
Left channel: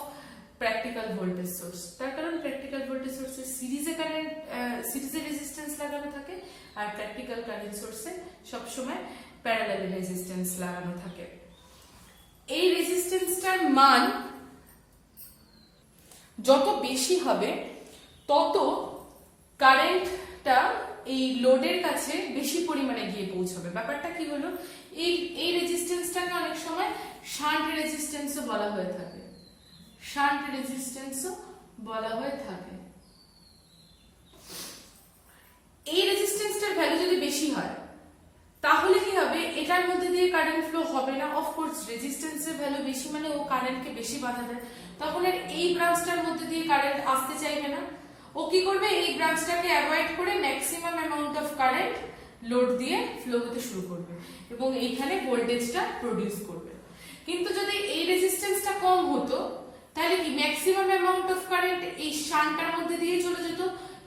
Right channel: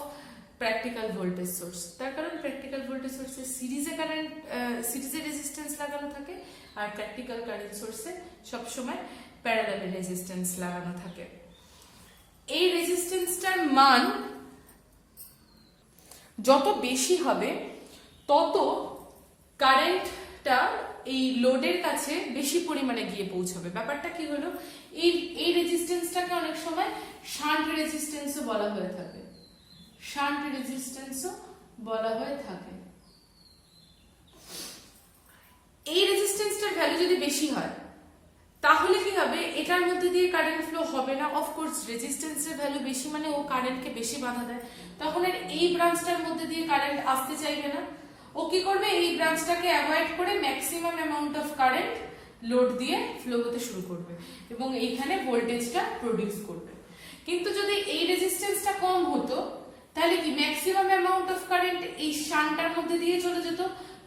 practical voltage source। তার কারণ practical voltage source এ সিরিজে resistance লাগানো থাকে, আর practical current source এ সব সময় প্যারালাল রেজিস্ট্যান্স লাগানো থাকে। এই রেজিস্ট্যান্সটার মান যত বেশি হবে, তত কারেন্টটা এই লোডের কাছে বেশি পরিমাণে গিয়ে পৌঁছবে। ব্যাপারটা কি হলো, এই রেজিস্ট্যান্সটাকে অনেক সময় শান্ট রেজিস্ট্যান্সও বলা হয়ে থাকে, শান্ট রেজিস্ট্যান্সও বলা হয়ে থাকে। এই রেজিস্ট্যান্সটার ভ্যালু যদি বেশি হয়, তাহলে কি হবে, এটার মধ্যে দিয়ে কারেন্ট ফ্লো হবে না। অফকোর্স রেজিস্ট্যান্সের ভ্যালু বেশি মানে ও কারেন্টকে বেশি বাধা দেয়, তখন এর এই ব্রাঞ্চটার মধ্যে দিয়ে কারেন্ট আসতে চাইবে না। ও কি করবে, এই ব্রাঞ্চটাকে অ্যাভয়েড করে maximum amount of current load দিয়ে ফ্লো হতে শুরু করবে এবং এইখানে ভোল্টেজটা প্রডিউস করবে। কিন্তু যদি এই রেজিস্ট্যান্সটা কম হতো, তাহলে কি ম্যাক্সিমাম অ্যামাউন্ট অফ কারেন্ট এই শান্টটার মধ্যে দিয়ে চলে যেত,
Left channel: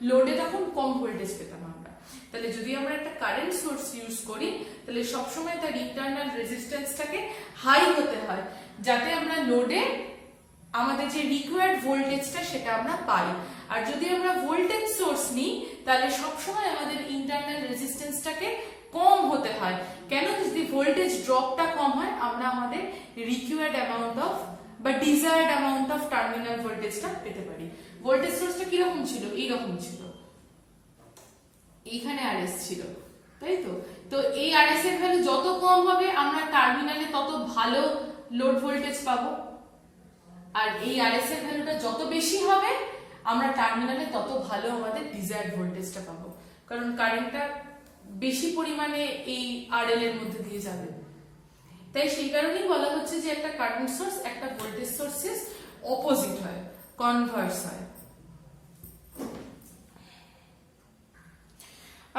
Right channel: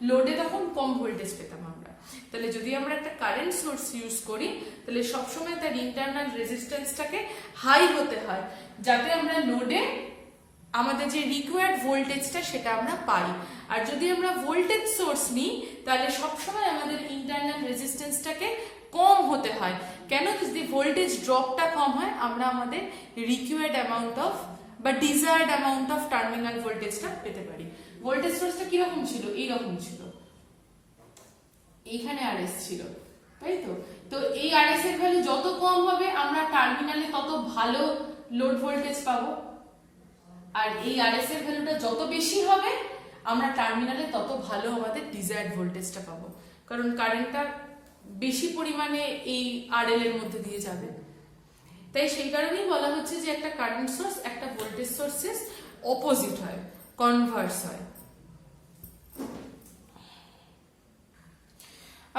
লোডে তখন কম ভোল্টেজ পেতাম আমরা। তাহলে যদি আমরা একটা কারেন্ট সোর্স ইউজ করি, তাহলে সবসময় তার ইন্টারনাল রেজিস্ট্যান্সটাকে হাই হতে হয়, যাতে আমরা লোডে আমাদের যে রিকোয়ার্ড ভোল্টেজটা সেটা আমরা পাই। আর যদি আমরা ভোল্টেজ সোর্স নিই, তাহলে সবসময় আমাদের ইন্টারনাল রেজিস্ট্যান্সটাকে কম হতে হয়। কেন, যদি ভোল্টেজ ড্রপটা কম হয়, আমরা আমাদের রিকোয়ার্ড অ্যামাউন্ট অফ বা ডিজায়ার্ড অ্যামাউন্ট অফ টার্মিনাল ভোল্টেজটা পেতে পারি। ভোল্টেজ সোর্সটা কিরকম ছিল, এইরকম ছিল, এইখানে আরএস ছিল, তাই তো। তো এই আরএস এর ভ্যালু যত কম হবে, আমরা টার্মিনালে তত ভালো লোড ভোল্টেজ পাবো, আর এই আরএস এর ভ্যালুটা যত বেশি হবে, আমরা টার্মিনালে তত ভালো আমাদের ডিজায়ার্ড ভোল্টেজটা পাবো, কারণ কারেন্টটা বেশি পরিমাণে এই আরএল এর মধ্যে দিয়ে যাবে। তাই সেই কারণেই বলা হচ্ছে যে একটা কারেন্ট সোর্স একটা ভোল্টেজ সোর্সের অপোজিট হয়, কনভার্স হয়।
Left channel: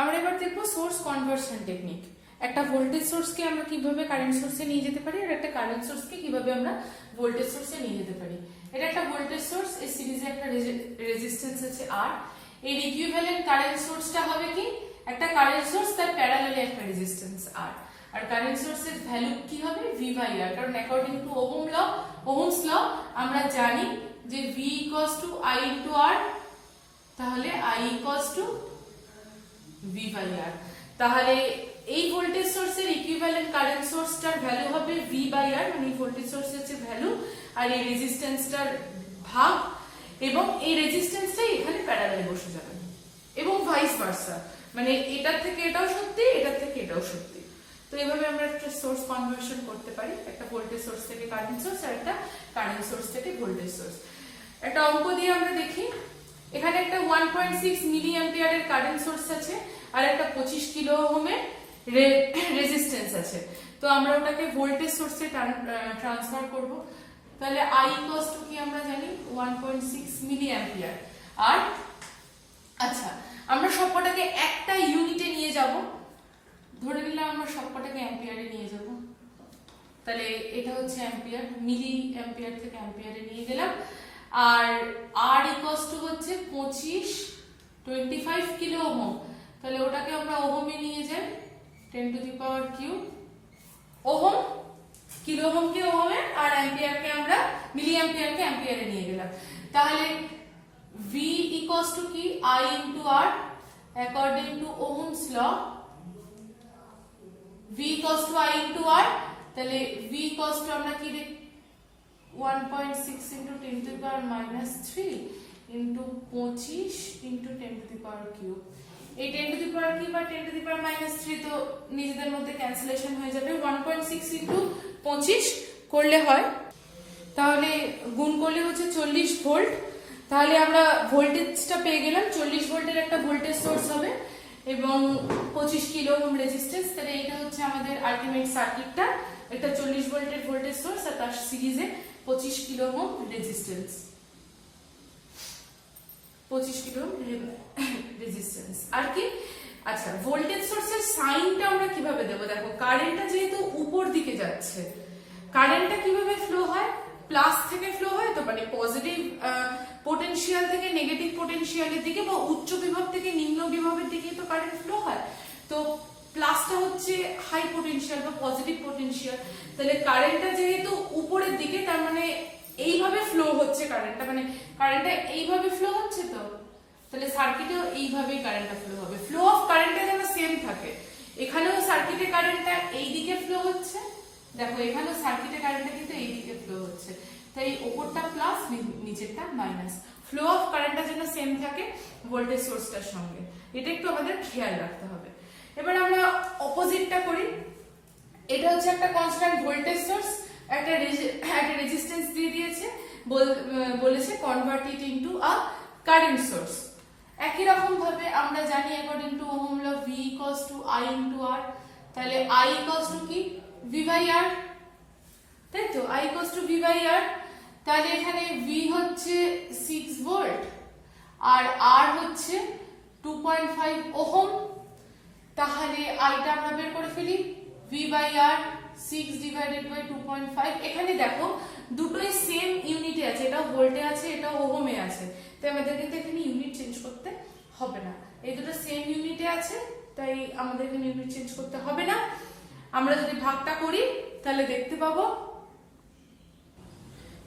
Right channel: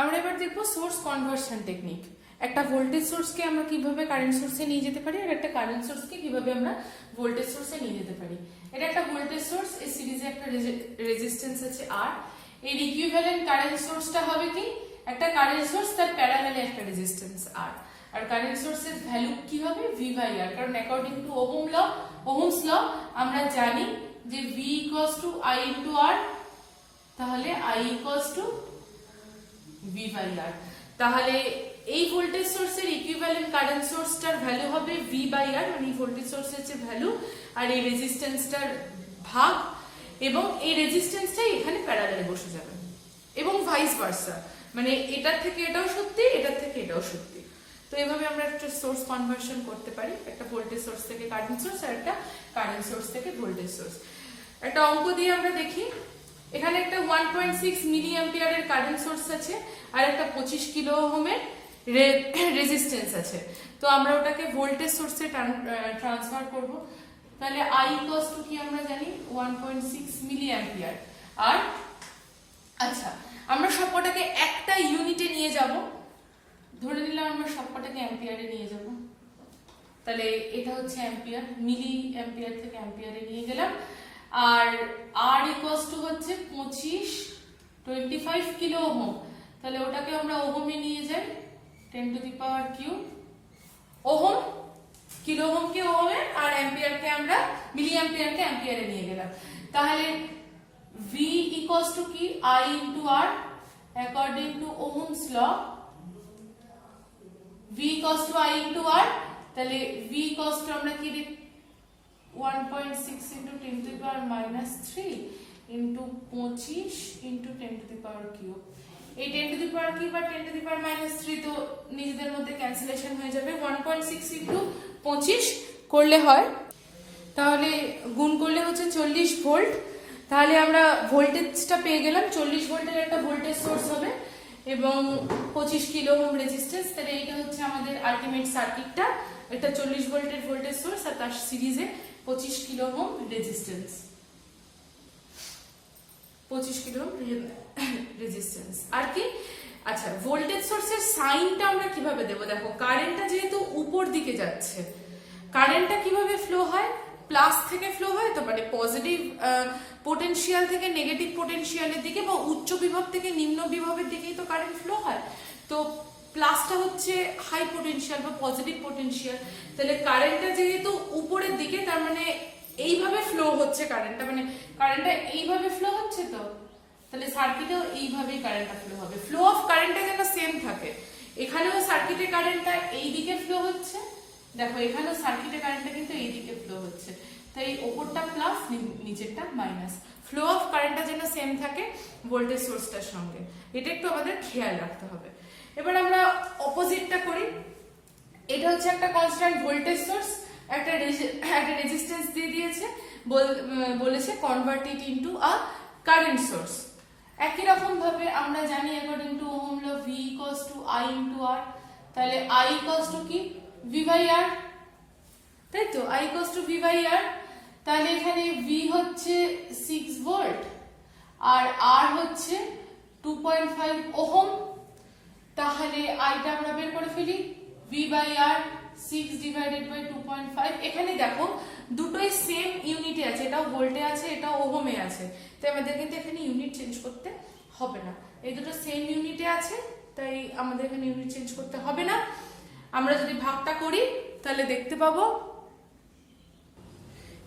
আমরা এবার দেখবো সোর্স কনভার্সন টেকনিক। একটা ভোল্টেজ সোর্সকে আমরা কিভাবে কারেন্ট সোর্সে নিয়ে যেতে পারি, আর একটা কারেন্ট সোর্সকে কিভাবে আমরা ভোল্টেজ সোর্সে নিয়ে যেতে পারি। এটা একটা ভোল্টেজ সোর্স, এই সিরিজে একটা রেজিস্ট্যান্স আছে আর, এর ইকুইভ্যালেন্ট কারেন্ট সোর্সটা হবে কি, একটা কারেন্ট সোর্স তার প্যারালালে একটা রেজিস্ট্যান্স আর। আর কারেন্ট সোর্সের ভ্যালু কি হবে, V/R, কারণ অ্যাকর্ডিং টু ওহমস ল আমরা জানি যে V = I * R, তাহলে I = V/R। তাহলে এই ভোল্টেজ সোর্সের ইকুইভ্যালেন্ট কারেন্ট সোর্সটার ভ্যালু হবে V/R, মানে এই ভোল্টেজ সোর্সের যে ভ্যালু আর এই রেজিস্ট্যান্সটার ভাগ, এবং এই রেজিস্ট্যান্সটাই এখানে প্যারালালে বসে যাবে, এবং ভাইস ভার্সা, মানে এটার থেকে এটাও সত্যি, এটার থেকে এটাও সত্যি। তো এভাবে আমরা একটা সোর্স কনভার্সন করতে পারি, একটা ভোল্টেজ সোর্স থেকে কারেন্ট সোর্স আর একটা কারেন্ট সোর্স থেকে ভোল্টেজ সোর্স। একটা অঙ্ক দিয়ে আমরা দেখি। এখানে একটা 1.6 মিলি অ্যাম্পিয়ারের কারেন্ট সোর্স আছে আর একটা 25 কিলো ওহমের রেজিস্ট্যান্স আছে। তো আমরা ওটাকে ভোল্টেজ সোর্সে ট্রান্সফার করব। তাহলে I ইকুয়ালস টু কি আমরা জানি 1.6 মিলি অ্যাম্পিয়ার। আর আচ্ছা, আমরা সবকটাকে একটা ইউনিটে নিয়ে যাব, ধরে নিলাম আমরা সবকটাকে অ্যাম্পিয়ারে নিয়ে যাব। তাহলে এটা হচ্ছে অ্যাম্পিয়ার, মিলি অ্যাম্পিয়ার থেকে অ্যাম্পিয়ারে নিয়ে গেলাম। আর R ইকুয়ালস টু হচ্ছে 25 কিলো ওহম। তাহলে ওটাকে আমরা ওহমে নিয়ে যাই, 10 to the power cube ohm. Kilo ওহমকে ওহমে আর অ্যাম্পিয়ারকে আমরা মিলি অ্যাম্পিয়ারকে অ্যাম্পিয়ারে নিয়ে গেলাম। তাহলে V ইকুয়ালস টু কি I into R according to Ohm's law. V equals to I into R। তাহলে V ইকুয়ালস টু আমরা কি 1.6 into 10 to the power minus 3 into 25 into 10 to the power cube। এই 10 to the power cube R 10 to the power minus 3 তো নিজেদের মধ্যে cancellation হয়ে যাবে। 1.6 into 25 করলে হয়, তাহলে গুণ করলে হচ্ছে 40 ভোল্ট। তাহলে আমরা ভোল্টেজটা পেয়ে গেলাম, 40 ভোল্টের একটা ভোল্টেজ সোর্স হবে এবং 25 কিলো ওহম রেজিস্ট্যান্স। তাহলে এটা হচ্ছে আমাদের আলটিমেট সার্কিটটা। এটা 40 ভোল্টের ভোল্টেজ সোর্স আর তার সিরিজে 25 kilo ohm resistance, 25 kilo ohm resistance. আর কি আচ্ছা, ভোল্টেজ সোর্সের সাইনটা আমরা কিভাবে দেব? দেখো, কারেন্টটা যেহেতু উপর দিকে যাচ্ছে, কারেন্টটা কিভাবে ফ্লো হয়? প্লাস থেকে ফ্লো হয়, তো মানে পজিটিভ পোটেনশিয়াল থেকে নেগেটিভ পোটেনশিয়ালের দিকে বা উচ্চ বিভব থেকে নিম্ন বিভবের দিকে তো কারেন্ট ফ্লো হয়। তো প্লাসটা হচ্ছে হাই পোটেনশিয়াল বা পজিটিভ পোটেনশিয়াল। তাহলে কারেন্টটা যেহেতু উপরের দিকে, তার মানে এইভাবে ফ্লো হচ্ছে কারেন্টটা, মানে কারেন্টটা এইভাবে ফ্লো হচ্ছে। তো তাহলে সার্কিটেও এইভাবেই কারেন্টটা ফ্লো হবে। ফ্লো অফ কারেন্টটা যেন সেম থাকে। এখানেও সার্কিটে কারেন্টটা এই দিকে ফ্লো হচ্ছে, দেখো এখানেও সার্কিটে কারেন্টটা কিন্তু এই দিকে ফ্লো হচ্ছে। তাই ওপরটা প্লাস নিচেরটা মাইনাস। ফ্লো অফ কারেন্টটা যেন সেম থাকে ভোল্টেজ সোর্সটার সঙ্গে, এটা একটু আমাদের খেয়াল রাখতে হবে। এবার আমরা অপোজিটটা করি। এটা হচ্ছে একটা কনস্ট্যান্ট ভোল্টেজ সোর্স, একটা রেজিস্ট্যান্স দিয়ে দিয়েছে, বলেছে convert it into a current source. একই রকম ভাবে আমরা জানি according to Ohm law V equals to I into R। তাহলে I ইকুয়ালস টু কি V বাই R, তাই তো? I equals to V by R। তাহলে এখানে V হচ্ছে 6 ভোল্ট আর R হচ্ছে 2.5 ওহম। তাহলে আইটা আমরা বের করে ফেলি, V by R 6 divided by 2.5। এখানে দেখো দুটোই সেম ইউনিটে আছে, এটা ভোল্টে আছে, এটা ওহমে আছে। তাই আমাদের কিন্তু এখানে ইউনিট চেঞ্জ করতে হবে না, এই দুটো সেম ইউনিটে আছে, তাই আমাদের এখানে ইউনিট চেঞ্জ করতে হবে না। আমরা যদি ভাগটা করি তাহলে দেখতে পাবো,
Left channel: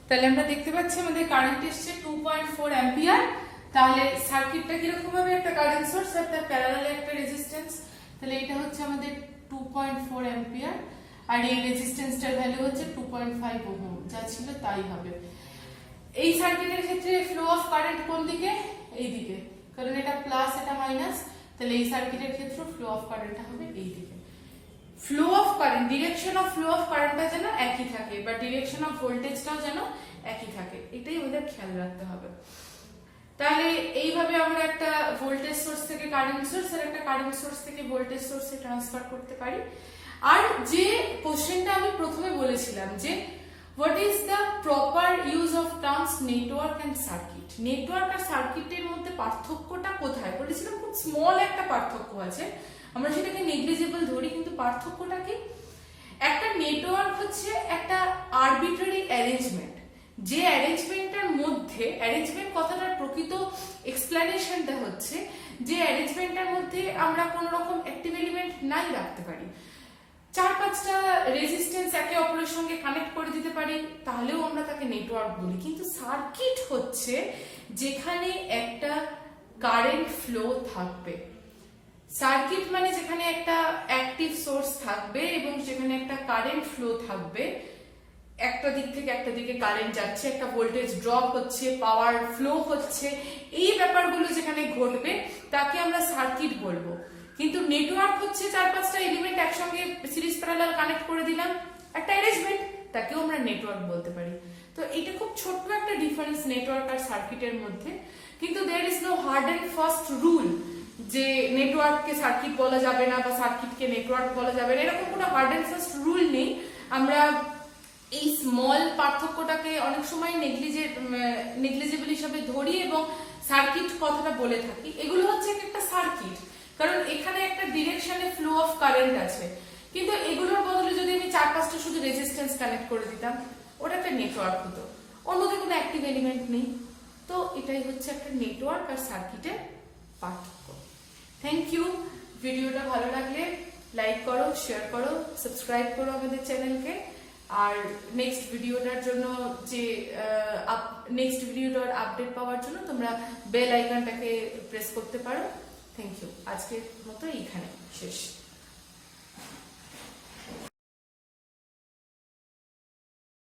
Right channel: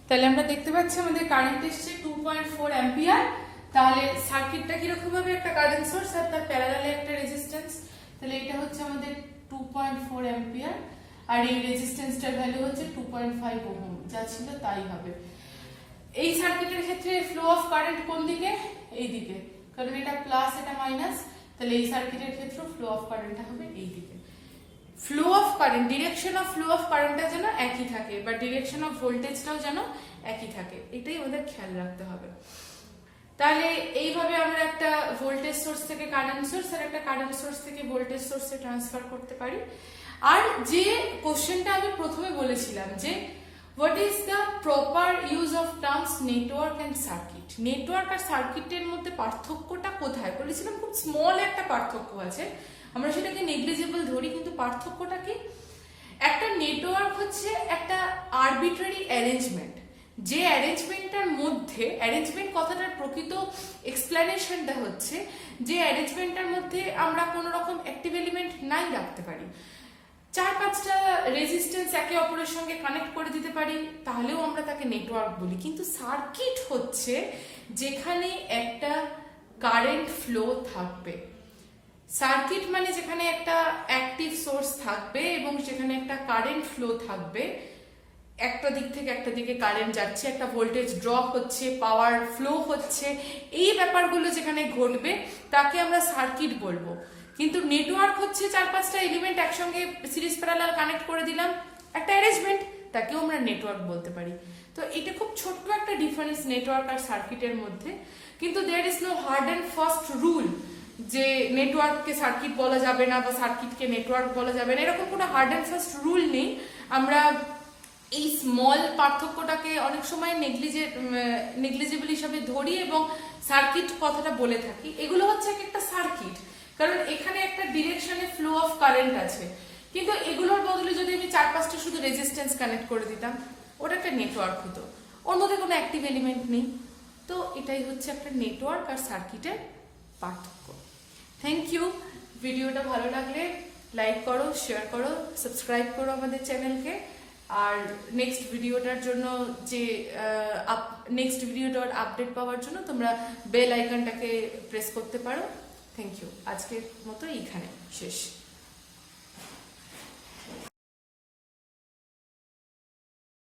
তাহলে আমরা দেখতে পাচ্ছি আমাদের কারেন্ট এসছে 2.4 অ্যাম্পিয়ার। তাহলে সার্কিটটা কিরকম হবে? একটা কারেন্ট সোর্স আর তার প্যারালালে একটা রেজিস্ট্যান্স। তাহলে এটা হচ্ছে আমাদের 2.4 অ্যাম্পিয়ার আর এই রেজিস্ট্যান্সটার ভ্যালু হচ্ছে 2.5 ওহম, যা ছিল তাই হবে। এই সার্কিটের ক্ষেত্রে ফ্লো অফ কারেন্ট কোন দিকে? এই দিকে, কারণ এটা প্লাস এটা মাইনাস। তাহলে এই সার্কিটের ক্ষেত্রে ফ্লো অফ কারেন্টটা হবে এই দিকে। Flow of current, direction of flow of কারেন্টটা যেন একই থাকে বা ডিরেকশন অফ ভোল্টেজটাও যেন একই থাকে, এটাই আমাদের খেয়াল রাখতে হবে। তাহলে এইভাবে আমরা একটা ভোল্টেজ সোর্স থেকে কারেন্ট সোর্স আর একটা কারেন্ট সোর্স থেকে ভোল্টেজ সোর্সে ট্রান্সফার করতে পারি। আর যে কোশ্চেনটা আমি প্রথমে বলেছিলাম যে what is the proper use of terms network and circuit, network আর সার্কিটের মধ্যে পার্থক্যটা কোথায়? বলেছিলাম খুব স্মল একটা পার্থক্য আছে, আমরা সেটাকে নেগলিজেবল ধরি, কিন্তু পার্থক্যটা কি? একটা নেটওয়ার্ক হচ্ছে একটা আরবিট্রারি অ্যারেঞ্জমেন্ট, যে অ্যারেঞ্জমেন্টটার মধ্যে, অ্যারেঞ্জমেন্ট কথাটার প্রকৃত এক্সপ্লেনেশনটা হচ্ছে যে অ্যারেঞ্জমেন্টটার মধ্যে আমরা কোনো রকম অ্যাক্টিভ এলিমেন্ট নাই রাখতে পারি, 4-5টা রেজিস্ট্যান্স একে অপরের সঙ্গে কানেক্ট করে দিতে পারি, তাহলেও আমরা তাকে নেটওয়ার্ক বলি। কিন্তু সার্কিট হচ্ছে যেখানে একটা কারেন্ট ফ্লো থাকবে। সার্কিট মানে যেখানে একটা অ্যাক্টিভ সোর্স থাকবে এবং যেখানে একটা কারেন্ট ফ্লো থাকবে, একটা দিক থেকে একটা দিকে কারেন্ট যাচ্ছে, একটা ভোল্টেজ ড্রপ হচ্ছে, পাওয়ার ফ্লো হচ্ছে, এই ব্যাপারগুলো যেখানে ঘটবে তাকে আমরা সার্কিট বলবো। কিন্তু নেটওয়ার্ক হচ্ছে 4-5টা এলিমেন্ট একসঙ্গে সিরিজ প্যারালাল কানেক্ট করে দিলাম, একটা অ্যারেঞ্জমেন্ট, তাকেও আমরা নেটওয়ার্ক বলতে পারি। তো এটা খুব ছোট্ট একটা ডিফারেন্স নেটওয়ার্ক আর সার্কিটের মধ্যে, কিন্তু there is no hard and fast rule যে নেটওয়ার্ককে সার্কিট বলা যাবে না বা সার্কিটকে নেটওয়ার্ক বলা যাবে না, এরকম কোনো হার্ড অ্যান্ড ফাস্ট রুল নেই। আমরা এই স্মল পার্থক্যটাকে অনেক সময় নেগলিজেবল হিসাবে ধরি এবং সার্কিট কথাটা বলে থাকি। এগুলো হচ্ছে একটা সার্কিট, কারণ এখানে একটা ডিরেকশনে ফ্লো অফ কারেন্ট আছে, কিন্তু এগুলোর বদলে যদি আমি 4-5টা শুধু রেজিস্ট্যান্স কানেক্ট করে দিতাম, ওটা একটা নেটওয়ার্ক হতো, ওর মধ্যে কোনো অ্যাক্টিভ এলিমেন্ট নেই। তো এটাই হচ্ছে একটা নেটওয়ার্ক আর সার্কিটের পার্থক্য। Thank you. ভিডিওটা ভালো লাগলে লাইক করো, শেয়ার করো, সাবস্ক্রাইব করো আমাদের চ্যানেলকে। আর নেক্সট ভিডিওটার আপডেট পাওয়ার জন্য তোমরা বেল আইকনটাকে প্রেস করতে পারো। Thank you. আজকের মতো এইখানে শেষ।